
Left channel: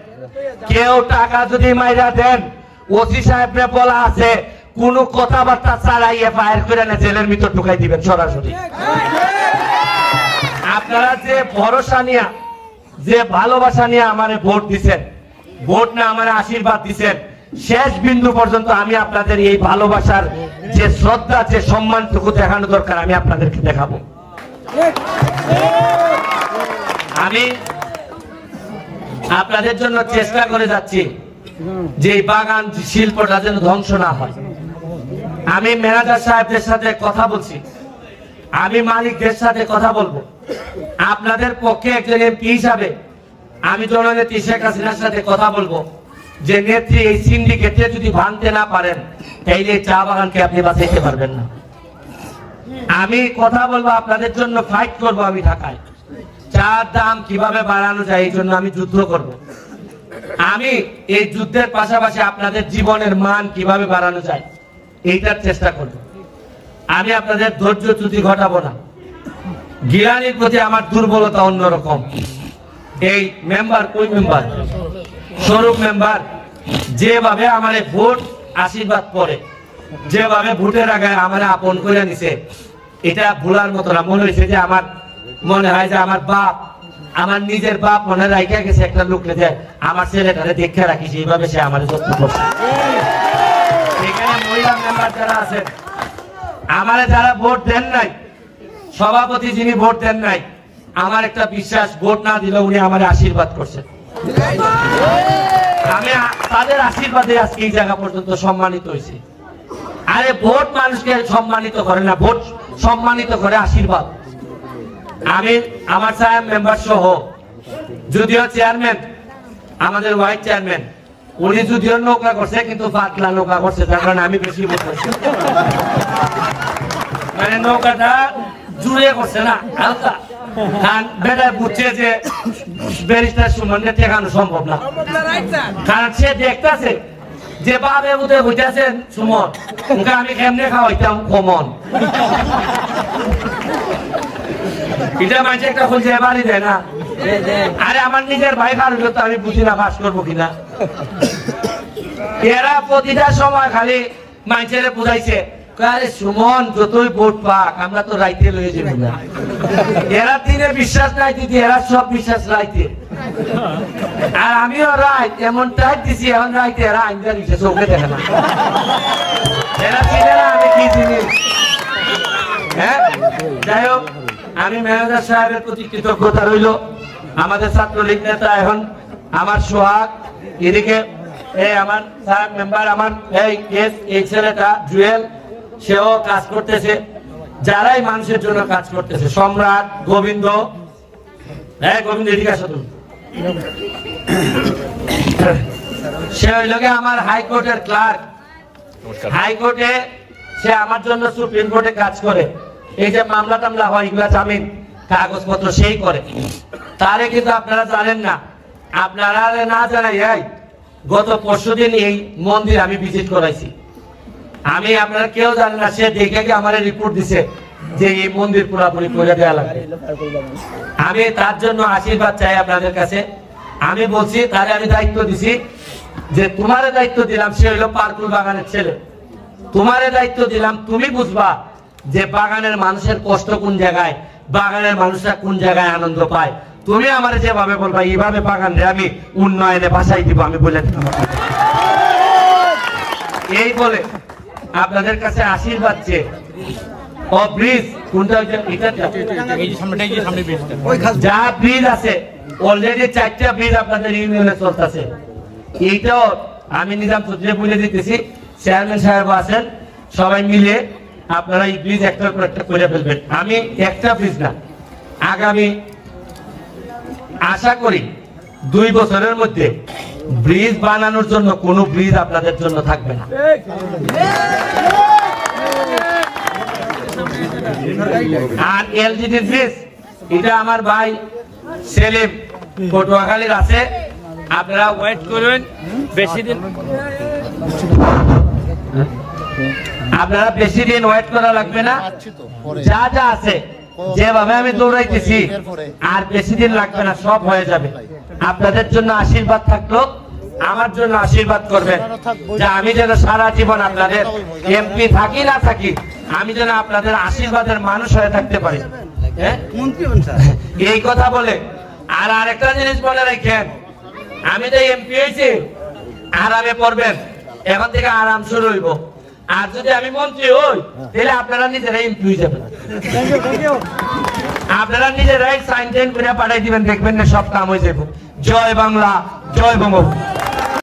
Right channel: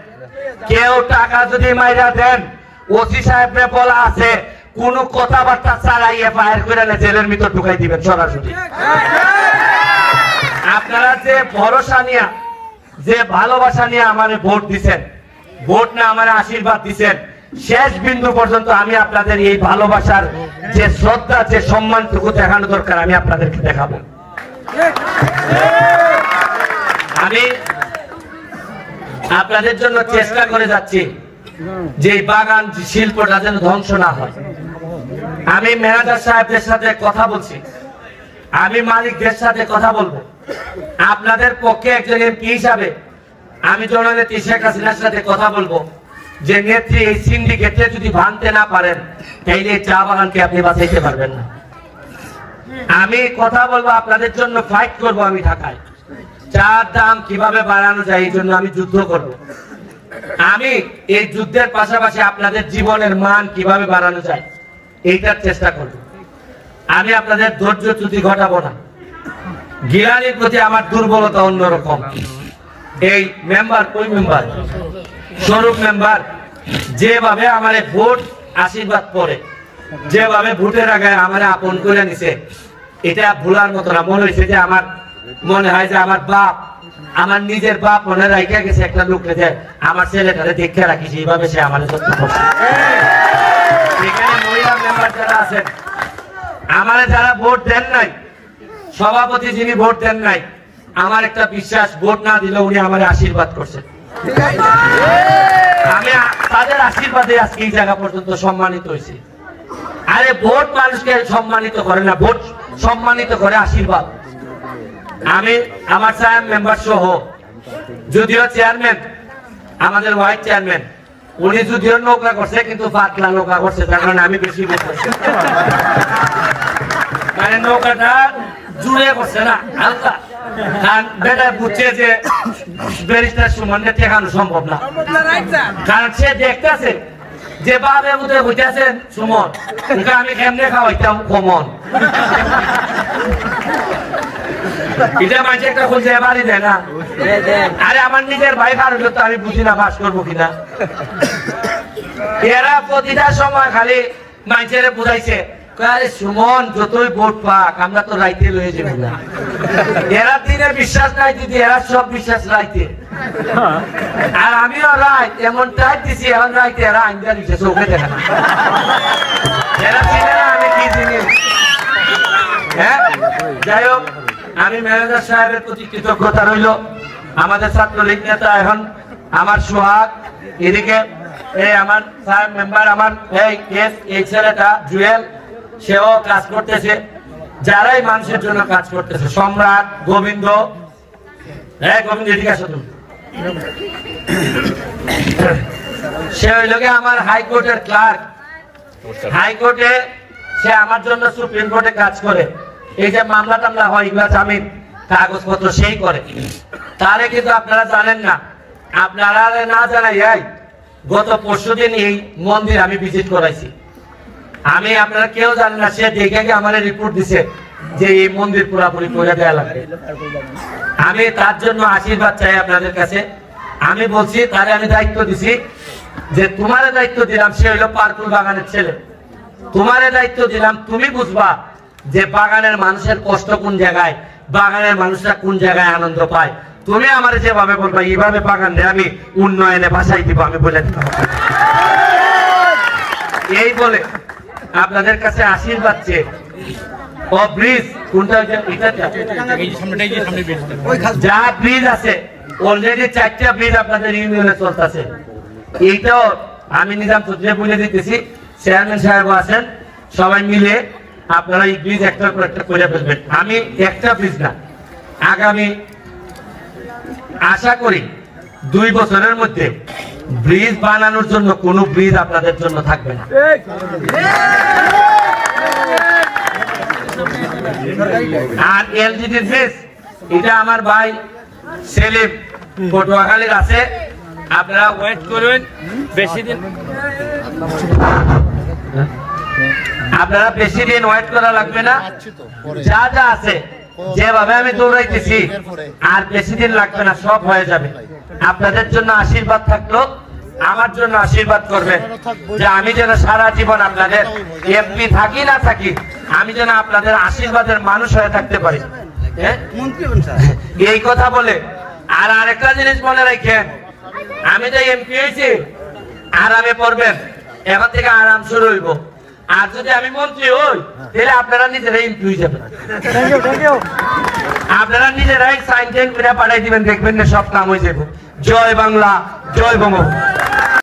কেউ টাকা যদি মাইরা দেন, ওসি সাহেবরে বলা আছে কোন কথাবার্তা ছাড়াই এফআইআর করে জেলের ভিতর ঢুকাই দিবেন সরাসরি। আপনারা যে ভরসা নিয়ে, যে ভালোবাসা নিয়ে আমারে ভোট দিচ্ছেন, ভোট না আমার আশীর্বাদ দিচ্ছেন, শেষ বিন্দু পর্যন্ত আমি আপনাদের এই ভালোবাসার যে শ্রদ্ধা, যে সম্মানটুকু দেখানো দরকার আমি আপনাদেরকে দেখাবো। আমি আপনাদের জন্য চেষ্টা করে যাচ্ছি যে এই বাগান শিল্পটা যেন ধ্বংস না হয়। আমি ম্যানেজার সাহেবদের সাথে কথা বলছি, আমি মালিকদের সাথে কথা বলবো। আপনাদের পক্ষে একজন এমপি হিসাবে আমি জননেত্রী শেখ হাসিনার সাথে কথা বলবো যে নেত্রী এই সিন্ডিকেটে যদি ভাঙতে না পারেন তাইলে চা বাগানকে আপনি বাঁচাইতে পারবেন না। আমি কথা বলবো, আপনাদের জন্য ফাইট করব। আমি ঢাকায় চার দাম কিভাবে বাড়ানো যায় এই জন্য আমি যুদ্ধ করব। আমি এই যুদ্ধের পাশাপাশি আপনাদের জীবনের মান কিভাবে বাড়ানো যায় এইটার চেষ্টা করব। আমি আপনাদের ধৈর্য চ্যুতি ঘটাবো না। গিলানির প্রতি আমার দুর্বলতা অন্যরকম। এই মেম্বার, কই মেম্বার, স্বরূপ মেম্বার যেভাবে আমার ভোট আশীর্বাদ করে, যেভাবে ভোটের আগে আমার আপন করে নিছে, এটা ভুলার মতো না। মনে হয়েছে যে আমার মনে হয় যে আমার বাপ, আমার নিজের বাপ মনে রাখা গেছে একটা লোক রেখে আমার ছেলেটারে দেখে রাখিস, এইভাবে সে আমার যত্ন করছে। এখানে মহিলা মেম্বার যারা আছেন, আমার যারা ভোট দেন নাই, সভাপতি যিনি ভোট দেন নাই, আমার একটা বিশ্বাস, ভোট না দিলে উনি আমার আশীর্বাদ করছেন। আমি তাদের আশীর্বাদে আজকে এই জায়গা পর্যন্ত সম্মানিত হয়েছি। আরে ভোট মানুষকে সম্মানিত করে না, ভোট সম্মানিত করে আশীর্বাদ। আমি আমার সাহেব মেম্বার সহ, যদিও চেয়ারম্যান আমাদের ওয়াইস চেয়ারম্যান, উনি যদিও নৌকা করছে কিন্তু পাতলা নৌকা করছে, তার কারণে আমি বেশি বলছি, মানে নৌকাটা জুড়ে করছে না, হালকা। কারণ বেটা বুঝছে যে ব্যারিস্টার সুমনকে ঠেকানো সম্ভব না, কারণ সে দেখতেছে যে বাবে বুঝে বুঝতেছেন সুমন, আমি কেমনে খাওয়াইতাম কমন। এটা মানুষ একটা খুঁজে বাড়ি দেয় না। আরে আমার নিজের ভাই ভালো তো আমি বুঝি না পাস করবো কিনা। এরা প্রতিটা সময় খালি মানুষের বুঝাইছে, আরে সুমন যতই ভোট পাক আমরা তো রাইতে লয়ে যাবো না। এরা দিনের বিশ্বাস নাই, যদি এরা সব বিশ্বাস রাইতে। আর আমিও রাইত এমন টাইট দিছি, এখন রাইতে এরা আইনটা দিচ্ছে, চোখে দেখে না। এরা চিনে না আমি কি জিনিস। হ্যাঁ, যাই হোক, আমি ম্যানেজার সাহেবের প্রতি কৃতজ্ঞতা রইল। আমাদের ছাত্রলীগ নেতা এখন আমার সোহাগ, এদিকে এই আমার সাহেব মেম্বার, আমার এই ছেলেটা জুয়েল, সেও কাজ করতেছে। যারাই মানুষের জন্য কাজ করতেছে, সম্রাট, গোবিন্দ, হ্যাঁ গোবিন্দ এদিকে আসো তুমি। সে হইল আমার হাইকোর্টের ক্লার্ক, হাইকোর্টে সে আমার জন্য সুপ্রিম কোর্টে কাজ করে। এই যে মামলা টামলা হয়, এগুলা জামিন কাগজপত্র সেই করে। তারে কিন্তু আপনারা জানেন না, আপনারা না জানাই, গত পরশুদিন এই মন্দির আমি ভিজিট করাইছি। আমি আপনারা কেউ জানেন না, সে দেখে আমার রিপোর্ট দিছে যে এই মন্দির পুরোপুরি করে দেওয়া লাগবে। আমি তার জন্য আশীর্বাদ চাই আপনাদের কাছে। আমি বলছি তাহলে আমি দায়িত্ব দিছি যে তোমার দায়িত্ব দিলাম, সে হলো পার্কুল বাগানের ছেলে, তোমার দায়িত্ব দিলাম, তুমি বুঝবা যে বাগানের মানুষের কষ্ট কোন জায়গায়, বাগানের মানুষরা কোন জায়গায় আনন্দ পায়। তুমি আমার যেভাবে বলবা এইভাবে বাগান আমি উন্নয়নে ভাষাই দিব, আমি বলে এই বলে আপনাদের কাছে আশীর্বাদ চেয়ে ও ব্রিজ কোনটা যা ব্রিজ আছে অলরেডি 4টা ব্রিজ আপনাদের ইউনিয়নে চলতেছে। এইটাও আমি নিজাম চৌধুরী বলে দিতেছি, চেয়ারম্যান সাহেব আছেন, সবাই মিলে আপনারা এই ব্রিজ একটার পর একটা করে ফেলবেন। আমি একটা ব্রিজ না, আগামী আশা করি 2 বছরের মধ্যে ব্রিজ বানানোর জন্য কোনো ব্রিজ আপনাদের জন্য থাকবে না। আর এলজিডি ব্রিজ এটা আমার ভাই সেলিম পটুয়াখালীর আছে, আপনারা ওয়েট করুন, বেশি দিন আপনারা বেশি দিন ওয়েট করা লাগবে না। যা যা আছে যেভাবে আমি দৌড়াইতেছি আর বেশি দিন লাগবে না, সব হয়ে যাবে। আপনাদের জন্য আশীর্বাদ থাকলো, আমার জন্য আশীর্বাদ করবেন যে আমি যেন সারা জীবন আপনাদের এমপি থাকি না থাকি, আমি যেন আপনাদের আশীর্বাদের মানুষ হয়ে থাকতে পারি। এই কথা বলে আর আরেকটা জিনিস মনে রাখেন, আমি তো এমপি হয়েছি, আরামে পড়বেন, এখন থেকে আরাম শুরু হইব। আর যদি আমি মন্ত্রী হই তাহলে আপনারা নিজেরাই এমপি হয়ে যাবেন, আপনারা নিজেরাই সাইন টাইন করে পাঠাই দিবেন, দেখবেন না সব কাম হয়ে যাবে। জয় বাংলা, জয় বঙ্গবন্ধু।